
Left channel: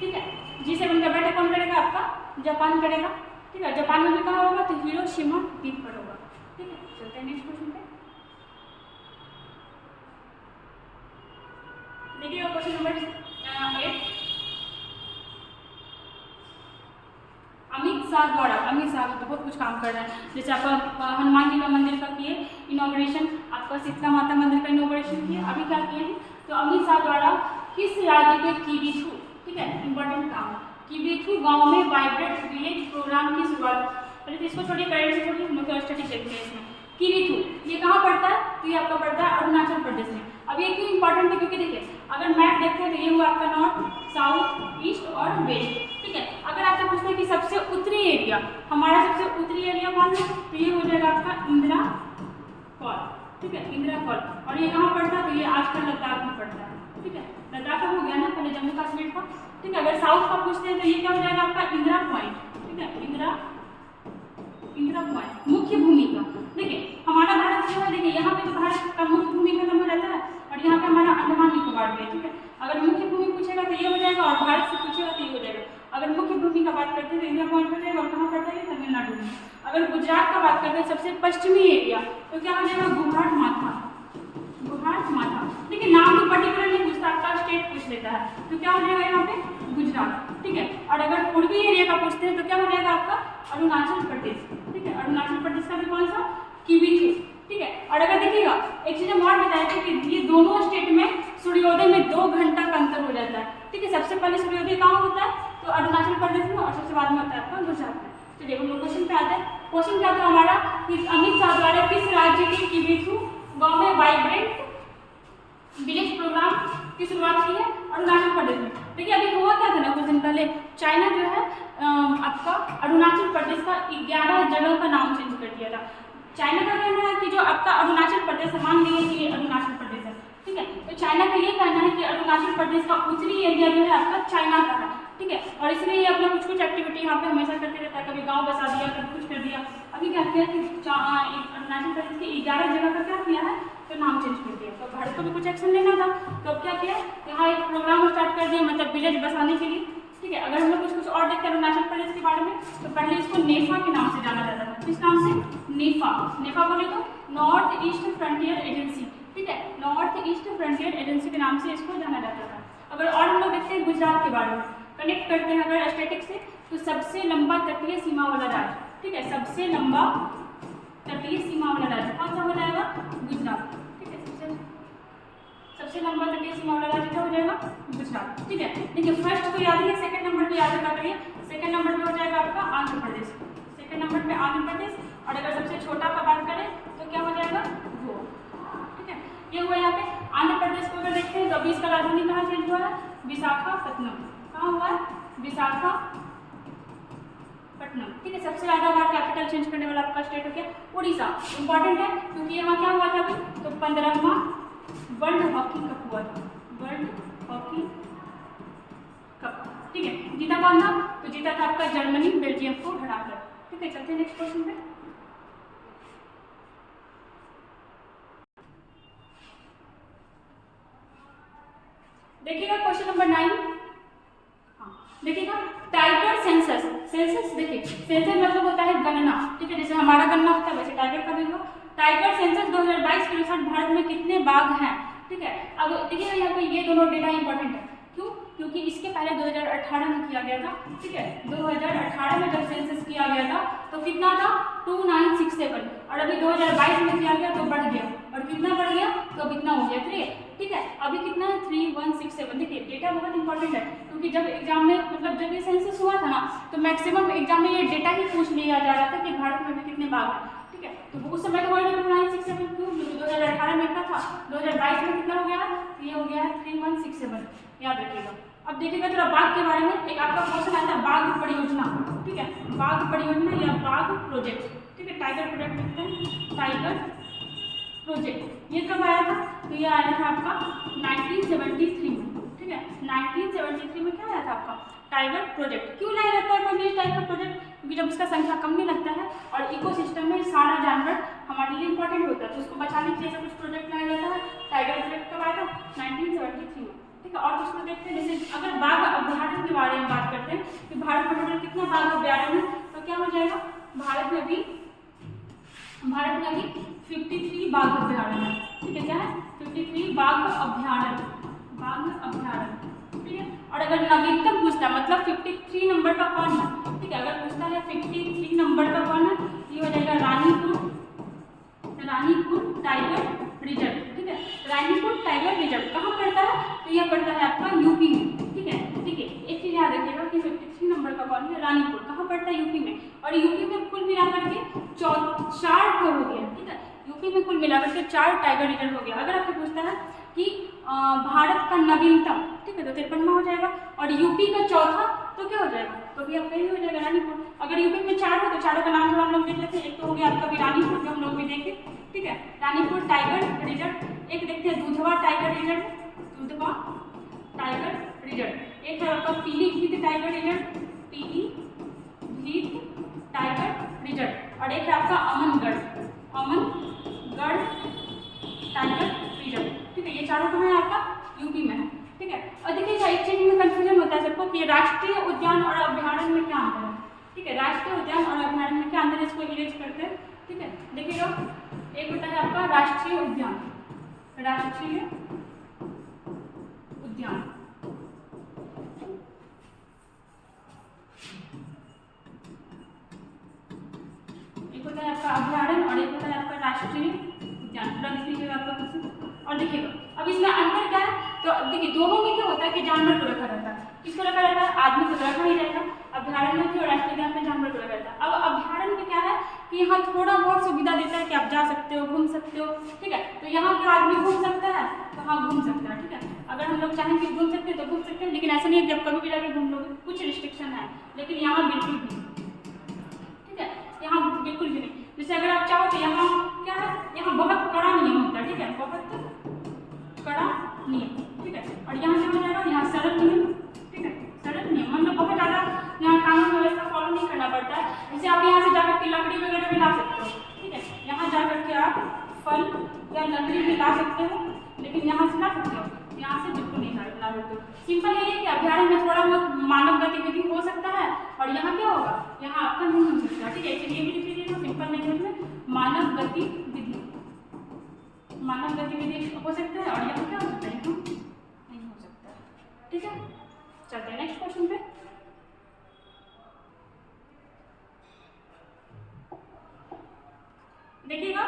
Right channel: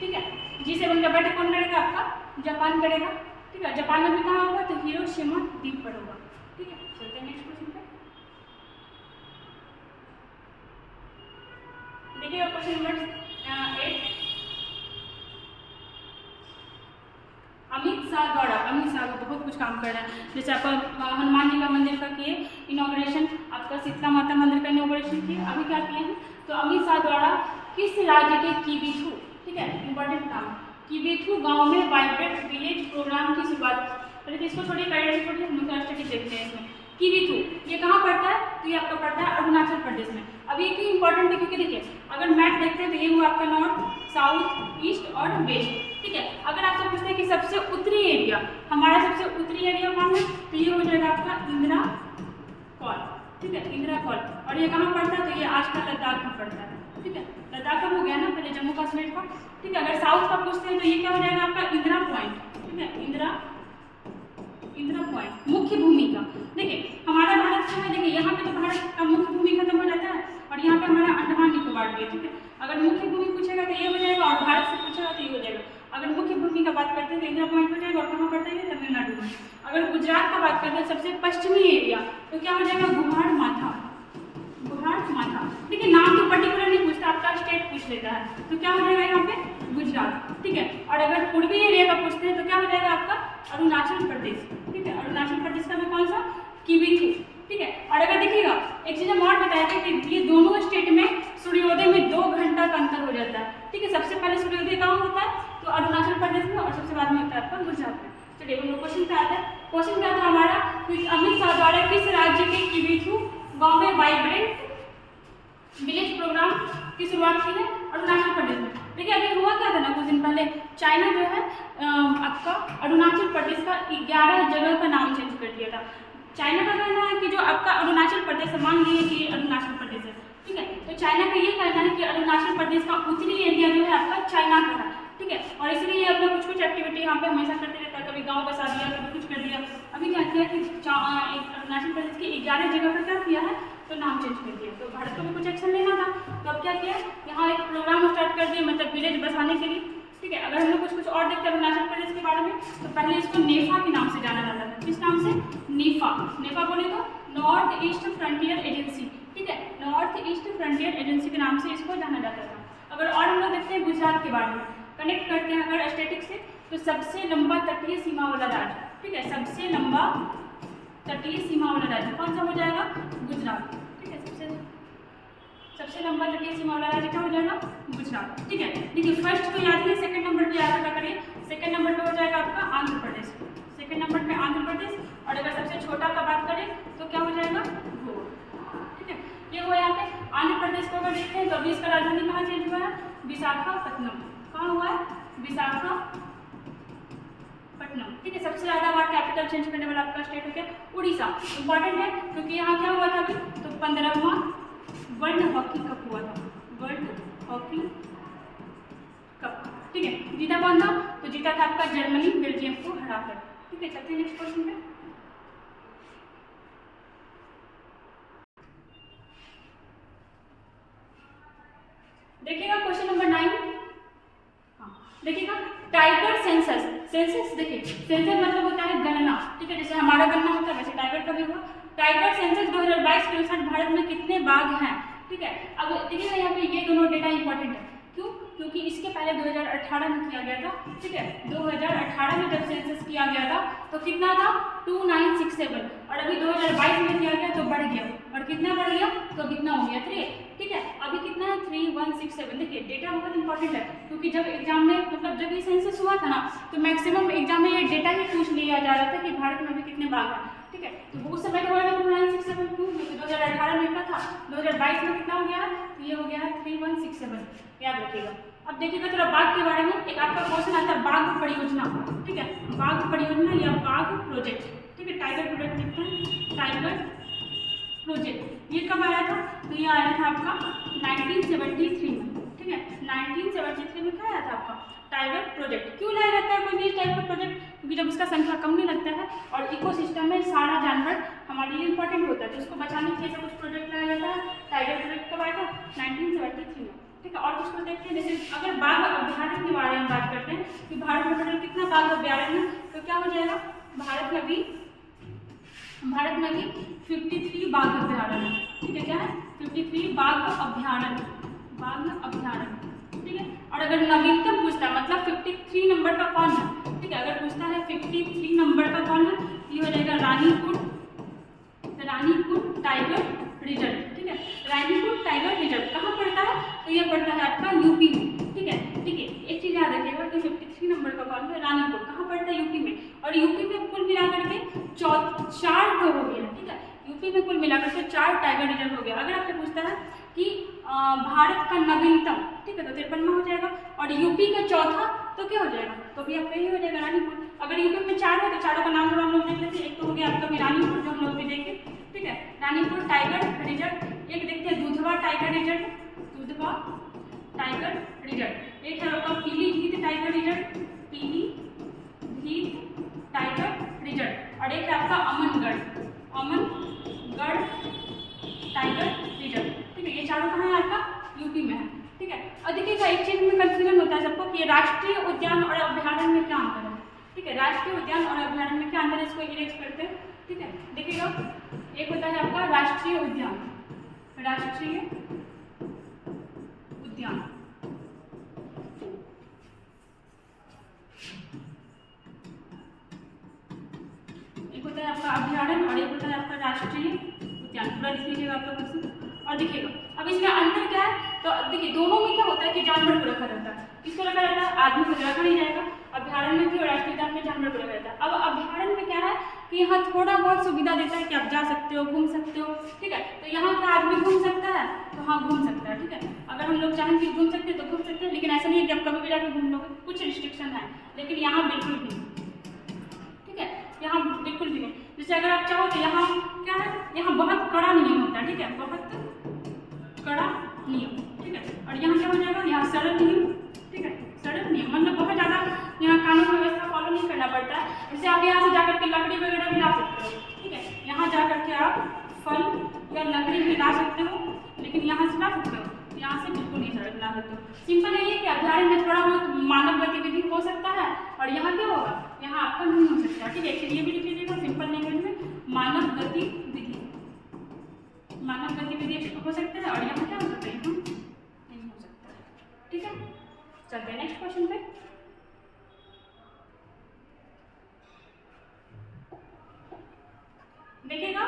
ठीक है। G7 का बैठक कौन करेगा? आपका जापान करेगा, ठीक है। जापान में भी कहाँ होगा? तो हिरोशिमा द्वीप पर होगा, ठीक है। चलते हैं नेक्स्ट क्वेश्चन पे। देखिए क्वेश्चन नंबर 8, अमित शाह बहुत कुछ काम कर रहा है। जैसे आपका हनुमान जी का मंदिर का किए इनॉग्रेशन, आपका शीतला माता मंदिर का इनॉग्रेशन किए, अभी क्या किए हैं? तो अमित शाह द्वारा किस राज्य के किबिथु, ठीक है, इंपॉर्टेंट काम, किबिथु गांव में वाइब्रेंट विलेज प्रोग्राम की शुरुआत। पहले तो इसको छोड़िए, करेंट छोड़िए, हम लोग स्टडी देखते हैं इसमें। किबिथु ये कहाँ पड़ता है? तो ये आपका पड़ता है अरुणाचल प्रदेश में। अब ये क्यों इंपॉर्टेंट है? क्योंकि देखिए अगर मैप देखते हैं तो ये हुआ आपका नॉर्थ, साउथ, ईस्ट और वेस्ट, ठीक है। अगर आपसे पूछते हैं कि सबसे उत्तरी एरिया, हमारा सबसे उत्तरी एरिया कौन है? तो ये हो जाएगा आपका इंदिरा फॉल, ठीक है, इंदिरा फॉल। और ये कहाँ पड़ता है? तो ये आजकल लद्दाख में पड़ता है, ठीक है। लद्दाख का हो गया ना, पहले जम्मू कश्मीर का, ठीक है। अगर साउथ का पूछते हैं तो ये क्या हो जाएगा आपका? इंदिरा पॉइंट, ठीक है, इंदिरा पॉइंट। मुख्य भूमिका देखिए हमारा भारत जो है, देखिए यहाँ पे तो भारत का मुख्य भूमि खत्म हो जाता है और यहाँ पे हमारा अंडमान निकोबार भी है, ठीक है। अगर मुख्य भूमि पूछेगा तो ये हो जाएगा और भारत से पूछेगा तो ये हो जाएगा। अगर मुख्य भूमि का बात करते हैं तो इंडिया पॉइंट हो जाएगा और कहाँ पड़ता है? तमिलनाडु में। अगर गुजरात का बात करते हैं सबसे पश्चिमी एरिया, तो क्या हो जाएगा? गुहार माथा, ठीक है। नाम तो पर्टिकुलर नहीं पूछता, आपका स्टेट पूछ लेता है, तो क्या हो जाएगा यहाँ पे? गुजरात, ठीक है। और अगर पूर्वी एरिया का पूछते हैं तो क्या हो जाएगा आपका? अरुणाचल प्रदेश, ठीक है। अरुणाचल प्रदेश का भी कौन सा? किबिथु, ठीक है। और अगर देखिएगा एक चीज़ हम और बताया था कि ये दोनों स्टेट में सूर्योदय में 2 घंटा का अंतर हो जाता है, ठीक है। सबसे पहले सूर्योदय कहाँ होता है? तो अरुणाचल प्रदेश में, और सबसे बाद में होता है आपका गुजरात में। चलिए हम लोग क्वेश्चन पे आते हैं। क्वेश्चन क्या था हमारा कि अमित शाह द्वारा किस राज्य के किबिथु गाँव में वाइब्रेंट विलेज प्रोग्राम की शुरुआत की है? अरुणाचल प्रदेश में। देखिए अभी हुआ क्या था ना, कुछ दिन पहले चाइना जो है आपका अरुणाचल प्रदेश का 11 जगह का नाम चेंज कर दिया था। चाइना का कहना है कि जो आपका अरुणाचल प्रदेश, मान लीजिए कि ये अरुणाचल प्रदेश है, ठीक है। तो चाइना का ये कहना है कि अरुणाचल प्रदेश का उत्तरी एरिया जो है आपका चाइना का है, ठीक है। और इसलिए ये अपना कुछ एक्टिविटी यहाँ पे हमेशा करते रहता है, कभी गाँव बसा दिया, कभी कुछ कर दिया। अभी क्या किया कि अरुणाचल प्रदेश की 11 जगह का क्या किया है? तो नाम चेंज कर दिया। तो भारत को भी कुछ एक्शन लेना था, तो अब क्या किया? यहाँ एक प्रोग्राम स्टार्ट कर दिया, मतलब विलेज बसाने के लिए, ठीक है। अगर हम लोग कुछ और देखते हैं अरुणाचल प्रदेश के बारे में, तो पहले इसको नेफा के नाम से जाना जाता था। किस नाम से? नेफा बोले तो नॉर्थ ईस्ट फ्रंटियर एजेंसी, ठीक है, नॉर्थ ईस्ट फ्रंटियर एजेंसी के नाम से इसको जाना जाता था। अगर और हम लोग देखते हैं गुजरात के बारे में, कनेक्ट करते हैं अगर स्टैटिक से, तो सबसे लंबा तटीय सीमा वाला राज्य, ठीक है, सबसे लंबा तटीय सीमा वाला राज्य कौन सा हो जाएगा? गुजरात, ठीक है। सबसे लंबा तटीय सीमा वाला राज्य क्या हो जाएगा? गुजरात, ठीक है। देखिए फर्स्ट को याद है, सेकंड नंबर पे याद रखा करिए। सेकंड नंबर पे हो जाएगा आपका आंध्र प्रदेश, सेकंड नंबर पे आंध्र प्रदेश। और अगर सबसे छोटा का बात करें तो क्या हो जाएगा? गोवा, ठीक है। ये हुआ यहाँ पे आंध्र प्रदेश को अगर देखते हैं तो अभी इसका राजधानी कहाँ चेंज हुआ है? विशाखापट्टनम। कहाँ हुआ है? विशाखापट्टनम, ठीक है। सबसे ज़्यादा बार कैपिटल चेंज करने वाला आपका स्टेट हो गया उड़ीसा। इंपॉर्टेंट है क्योंकि यहाँ क्या हुआ था अभी? तो 15वां वर्ल्ड हॉकी कप हुआ था, वर्ल्ड हॉकी कप, ठीक है। जीता कौन था? तो जीता था आपका जर्मनी, बेल्जियम को हराकर, ठीक है। चलते हैं नेक्स्ट क्वेश्चन पे। देखिएगा क्वेश्चन नंबर 9, देखिएगा टाइगर सेंसस। सेंसस देखिए, सेंसस मतलब होता है गणना, ठीक है। जैसे हमारा गणना होता है वैसे टाइगर का भी हुआ। टाइगर सेंसस 2022 के अनुसार भारत में कितने बाघ हैं, ठीक है। अब देखिएगा यहाँ पे ये दोनों डेटा इंपॉर्टेंट है, क्यों? क्योंकि इसके पहले 2018 में किया गया था, ठीक है। 2018 में जब सेंसस किया गया था तो कितना था? 2967, और अभी 2022 में किया गया तो बढ़ गया, और कितना बढ़ गया? तो कितना हो गया? 3, ठीक है। अभी कितना है? 3167। देखिए डेटा बहुत इंपॉर्टेंट है, क्योंकि जब एग्जाम में मतलब जब ये सेंसस हुआ था ना, तो मैक्सिमम एग्जाम में ये डेटा ही पूछ लिया जा रहा था कि भारत में भी कितने बाघ हैं, ठीक है। तो उस समय का 2967 क्यों? क्योंकि 2018 में था, 2022 में कितना हो गया? ये हो गया 3167, याद रखिएगा। अब देखिएगा थोड़ा बाघ के बारे में, एक आपका क्वेश्चन आता है बाघ परियोजना, ठीक है, बाघ परियोजना या बाघ प्रोजेक्ट, ठीक है। ठीक है, टाइगर प्रोजेक्ट लिखते हैं, टाइगर प्रोजेक्ट। ये कब आया था? तो ये आया था आपका 1973 में, ठीक है, 1973 में क्या आया था आपका? Tiger project. क्यों लाया रहता है कोई भी टाइप का प्रोजेक्ट? क्योंकि जब उसका संख्या कम नहीं लगता है और इकोसिस्टम में सारा जानवर हमारे लिए इंपॉर्टेंट होता है, तो उसको बचाने के लिए कुछ प्रोजेक्ट लाया जाता है। टाइगर प्रोजेक्ट कब आया था? 1973 में, ठीक है। और उसको देखते हैं, जैसे अगर बाघ अभ्यारण्य के बारे में बात करते हैं कि भारत में टोटल कितना बाघ अभ्यारण्य है, तो क्या हो जाएगा? भारत में भी 53 बाघ अभ्यारण्य है, ठीक है। क्या है? 53 बाघ अभ्यारण्य, ठीक है। और अगर नवीनतम पूछता है, मतलब 53 नंबर का कौन है, ठीक है, अगर पूछता है 53 नंबर का कौन है, ये हो जाएगा रानीपुर टाइगर रिजर्व, ठीक है। रानीपुर टाइगर रिजर्व कहाँ पड़ता है? तो यह पड़ता है आपका यूपी में, ठीक है। एक चीज याद रखिएगा कि 53 नंबर का कौन है? रानीपुर कहाँ पड़ता है? यूपी में। और यूपी में कुल मिलाकर के 4 हो गया, ठीक है। यूपी में कुल मिलाकर के 4 टाइगर रिजर्व हो गया। अगर आपसे पूछता है कि भारत का नवीनतम, ठीक है, तो 53वां हो जाएगा। और यूपी का चौथा तो क्या हो जाएगा? तो भी आपका ही हो जाएगा रानीपुर। अगर यूपी में 4 हो तो चारों का नाम हम लोग देख लेते हैं। एक तो हो गया आपका भी रानीपुर, जो हम लोग भी देखे, ठीक है, रानीपुर टाइगर रिजर्व। एक देखते हैं दुधवा टाइगर रिजर्व, एक है आपका पीलीभीत टाइगर रिजर्व, और एक है आपका अमनगढ़ टाइगर रिजर्व, ठीक है। ये चारों कहाँ है? आपका यूपी में है, ठीक है। और देखिएगा एक चीज में कंफ्यूजन होता है सबको कि राष्ट्रीय उद्यान और अभ्यारण्य में क्या अंतर है, ठीक है। राष्ट्रीय उद्यान और अभ्यारण्य में क्या अंतर है, इसको इरेज करते हैं, ठीक है। देखिएगा एक होता है आपका राष्ट्रीय उद्यान, एक होता है आपका अभ्यारण्य और एक होता है आपका राष्ट्रीय उद्यान। पूरा लिख लीजिएगा आप लोग इसे। और देखिएगा अब इसमें अंतर क्या है, तो देखिए दोनों में क्या होता है कि जानवर को रखा रहता है। किसको रखा रहता है? आदमी को रखा नहीं जाएगा। अभ्यारण्य में और राष्ट्रीय उद्यान में जानवर को रखा रहता है। अब अभ्यारण्य में क्या है कि यहाँ थोड़ा बहुत सुविधा देता है कि आप जा सकते हो, घूम सकते हो, ठीक है। तो यहाँ क्या आदमी घूम सकता है? तो हाँ घूम सकता है, ठीक है। अगर हम लोग चाहें कि घूम सकते हैं तो घूम सकते हैं, लेकिन ऐसा नहीं है कि आप कभी भी जाकर घूम लोगे, कुछ रिस्ट्रिक्शन है, लेकिन यहाँ बिल्कुल भी नहीं, ठीक है। यहाँ बिल्कुल भी नहीं। जैसे अगर आप चाहो तो यहाँ क्या है, यहाँ बहुत कड़ा नियम होता है, ठीक है, बहुत कड़ा नियम, ठीक है। और यहाँ क्या हो जाएगा? यहाँ सरल नियम, ठीक है, सरल नियम, मतलब बहुत ज़्यादा यहाँ कानून व्यवस्था फॉलो नहीं करना पड़ता है। जैसे आप यहाँ से जाकर के लकड़ी वगैरह भी ला सकते हो, ठीक है। यहाँ जा करके आप फल या लकड़ी भी ला सकते हो, लेकिन यहाँ से ला सकते हो, यहाँ से बिल्कुल नहीं ला सकते हो। सिंपल यही है कि अभ्यारण्य में थोड़ा बहुत मानव गतिविधि हो सकता है और यहाँ क्या होगा? यहाँ आपका नहीं हो सकता, ठीक है। चलिए भी लिख लीजिएगा सिंपल लैंग्वेज में, मानव गतिविधि हो सकता है और यहाँ क्या हो सकता है? यहाँ नहीं हो सकता है, ठीक है। चलते हैं नेक्स्ट क्वेश्चन पे। देखिएगा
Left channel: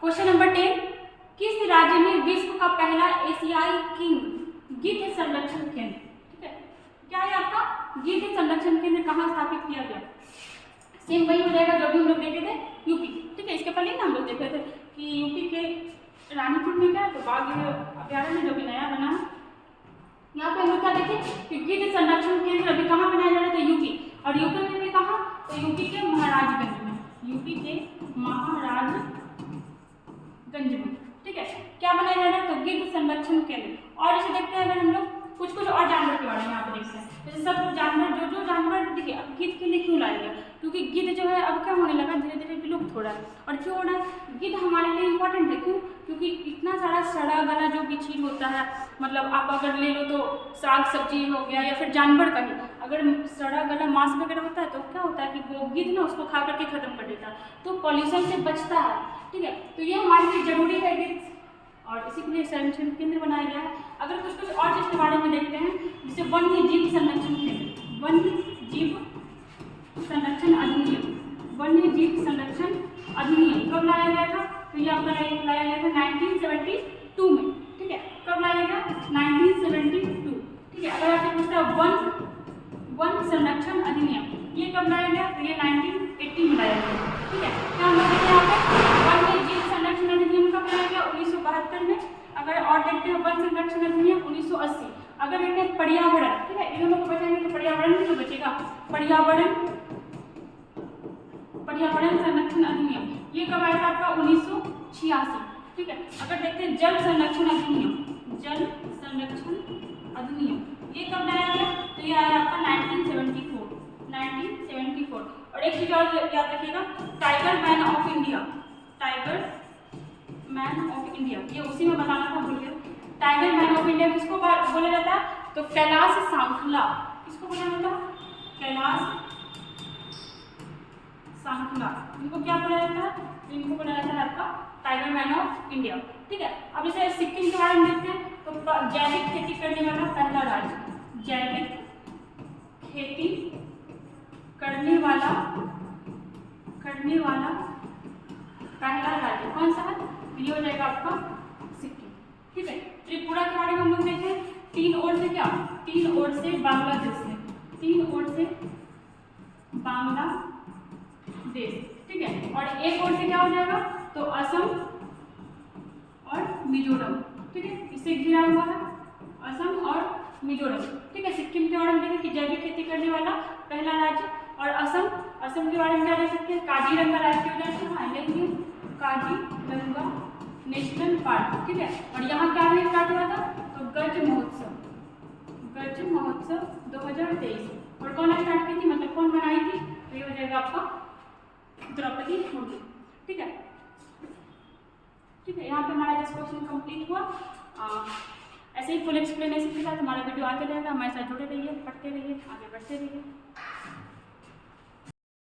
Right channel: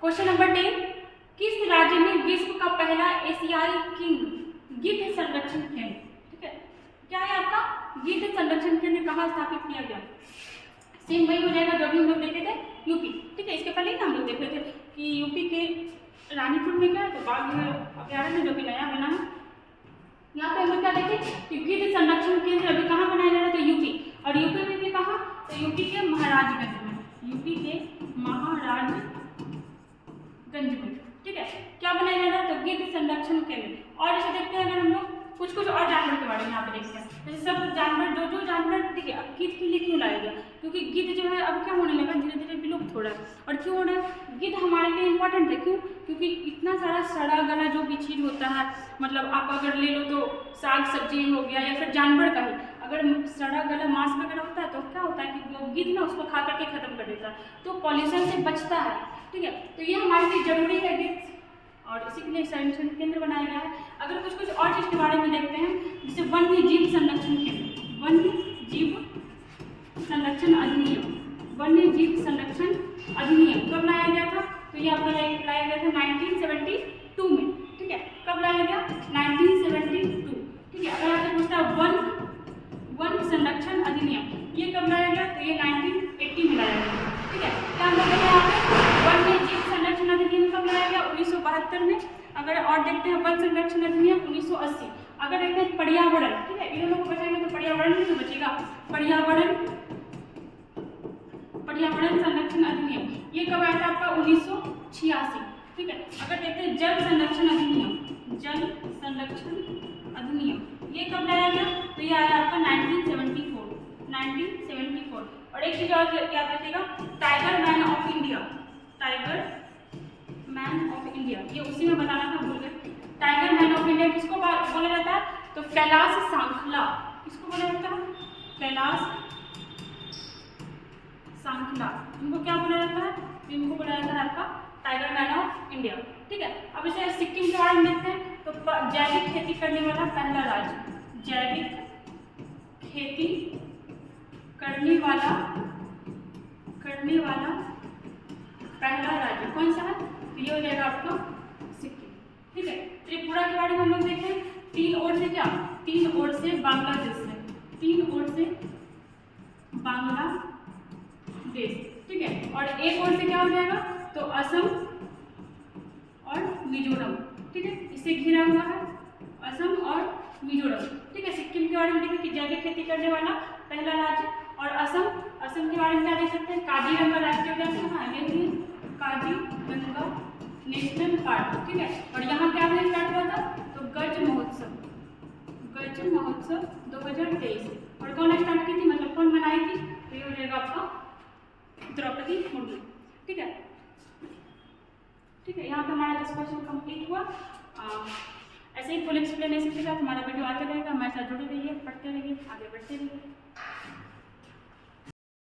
क्वेश्चन नंबर 10, किस राज्य में विश्व का पहला एशियाई किंग गिद्ध संरक्षण केंद्र, ठीक है, क्या है आपका? गिद्ध संरक्षण केंद्र कहाँ स्थापित किया गया? सेम वही हो जाएगा जो भी हम लोग देखे थे, यूपी, ठीक है। इसके पहले ना हम लोग देखे थे कि यूपी के रानीपुर में क्या है, तो बाघ अभ्यारण्य जो भी नया बना है, यहाँ पे हम लोग क्या देखे कि गिद्ध संरक्षण केंद्र अभी कहाँ बनाया जा रहा है? तो यूपी। और यूपी में भी कहाँ? तो यूपी के महाराजगंज में, ठीक है। क्या बनाया जा रहा है? तो गिद्ध संरक्षण केंद्र। और इसे देखते हैं अगर हम लोग कुछ और जानवर के बारे में यहाँ पे देखते हैं। जैसे सब जानवर जो जानवर, देखिए अब गिद्ध के लिए क्यों लाया गया? क्योंकि गिद्ध जो है अब क्या होने लगा, धीरे धीरे विलुप्त हो रहा है। और क्यों हो रहा है? गिद्ध हमारे लिए इंपॉर्टेंट है, क्यों? क्योंकि इतना सारा सड़ा गला जो भी चीज़ होता है, मतलब आप अगर ले लो तो साग सब्जी हो गया या फिर जानवर का ही अगर सड़ा गला मांस वगैरह होता है तो क्या होता है कि वो गिद्ध ना उसको खा करके खत्म कर देता है, तो पॉल्यूशन से बचता है, ठीक है। तो ये हमारे लिए जरूरी है गिद्ध, और इसी के लिए संरक्षण केंद्र बनाया गया है। अगर कुछ और चीज़ के बारे में देखते हैं, जैसे वन्य जीव संरक्षण केंद्र, वन्य जीव संरक्षण अधिनियम कब लाया गया था? तो ये आपका लाया गया था 1972 में, ठीक है। कब लाया गया? 1972, ठीक है। अगर आपसे पूछता है वन संरक्षण अधिनियम, ये कब लाया गया? तो ये 1980 में लाया गया, ठीक है। क्या हम लोग यहाँ पे वन्य जीव संरक्षण अधिनियम कब लाया गया? 1972 में। अगर और देखते हैं वन संरक्षण अधिनियम 1980। अगर देखते हैं पर्यावरण, ठीक है, इन दोनों को बचाएंगे तो पर्यावरण भी तो बचेगा। पर्यावरण पर्यावरण संरक्षण अधिनियम, ये कब आया था आपका 1986, ठीक है। अगर देखते हैं जल संरक्षण अधिनियम, जल संरक्षण अधिनियम ये कब लाया गया, तो ये आया आपका 1974। और एक चीज और याद रखिएगा, tiger man of India, tiger man of India, ये उसी में बताना था, भूल गए। टाइगर मैन ऑफ इंडिया किसको बोला जाता है, तो कैलाश सांखला, किसको बोला जाता है, कैलाश सांखला, इनको क्या बोला जाता है, इनको बोला जाता है आपका टाइगर मैन ऑफ इंडिया, ठीक है। अब इसे सिक्किम के बारे में देखते हैं, तो जैविक खेती करने वाला पहला राज्य, जैविक खेती करने वाला पहला राज्य कौन सा है, तो ये हो जाएगा आपका सिक्किम, ठीक है। त्रिपुरा के बारे में हम लोग देखें, तीन ओर से क्या, तीन ओर से बांग्लादेश से, तीन ओर से बांग्लादेश, ठीक है। और एक ओर से क्या हो जाएगा, तो असम और मिजोरम, ठीक है, इससे घिरा हुआ है असम और मिजोरम, ठीक है। सिक्किम के बारे में देखें कि जैविक खेती करने वाला पहला राज्य, और असम के बारे में क्या देख सकते हैं, काजीरंगा राष्ट्रीय उद्यान, हाँ यही है काजीरंगा नेशनल पार्क, ठीक है। और यहाँ क्या में स्टार्ट हुआ था, तो गज महोत्सव 2023, और कौन स्टार्ट की थी, मतलब कौन बनाई थी, तो ये हो जाएगा आपका द्रौपदी मुर्मू, ठीक है। ठीक है, यहाँ पे हमारा 10 क्वेश्चन कंप्लीट हुआ। ऐसे ही फुल एक्सप्लेनेशन के साथ हमारा वीडियो आते रहेगा, हमारे साथ जुड़े रहिए, पढ़ते रहिए, आगे बढ़ते रहिए।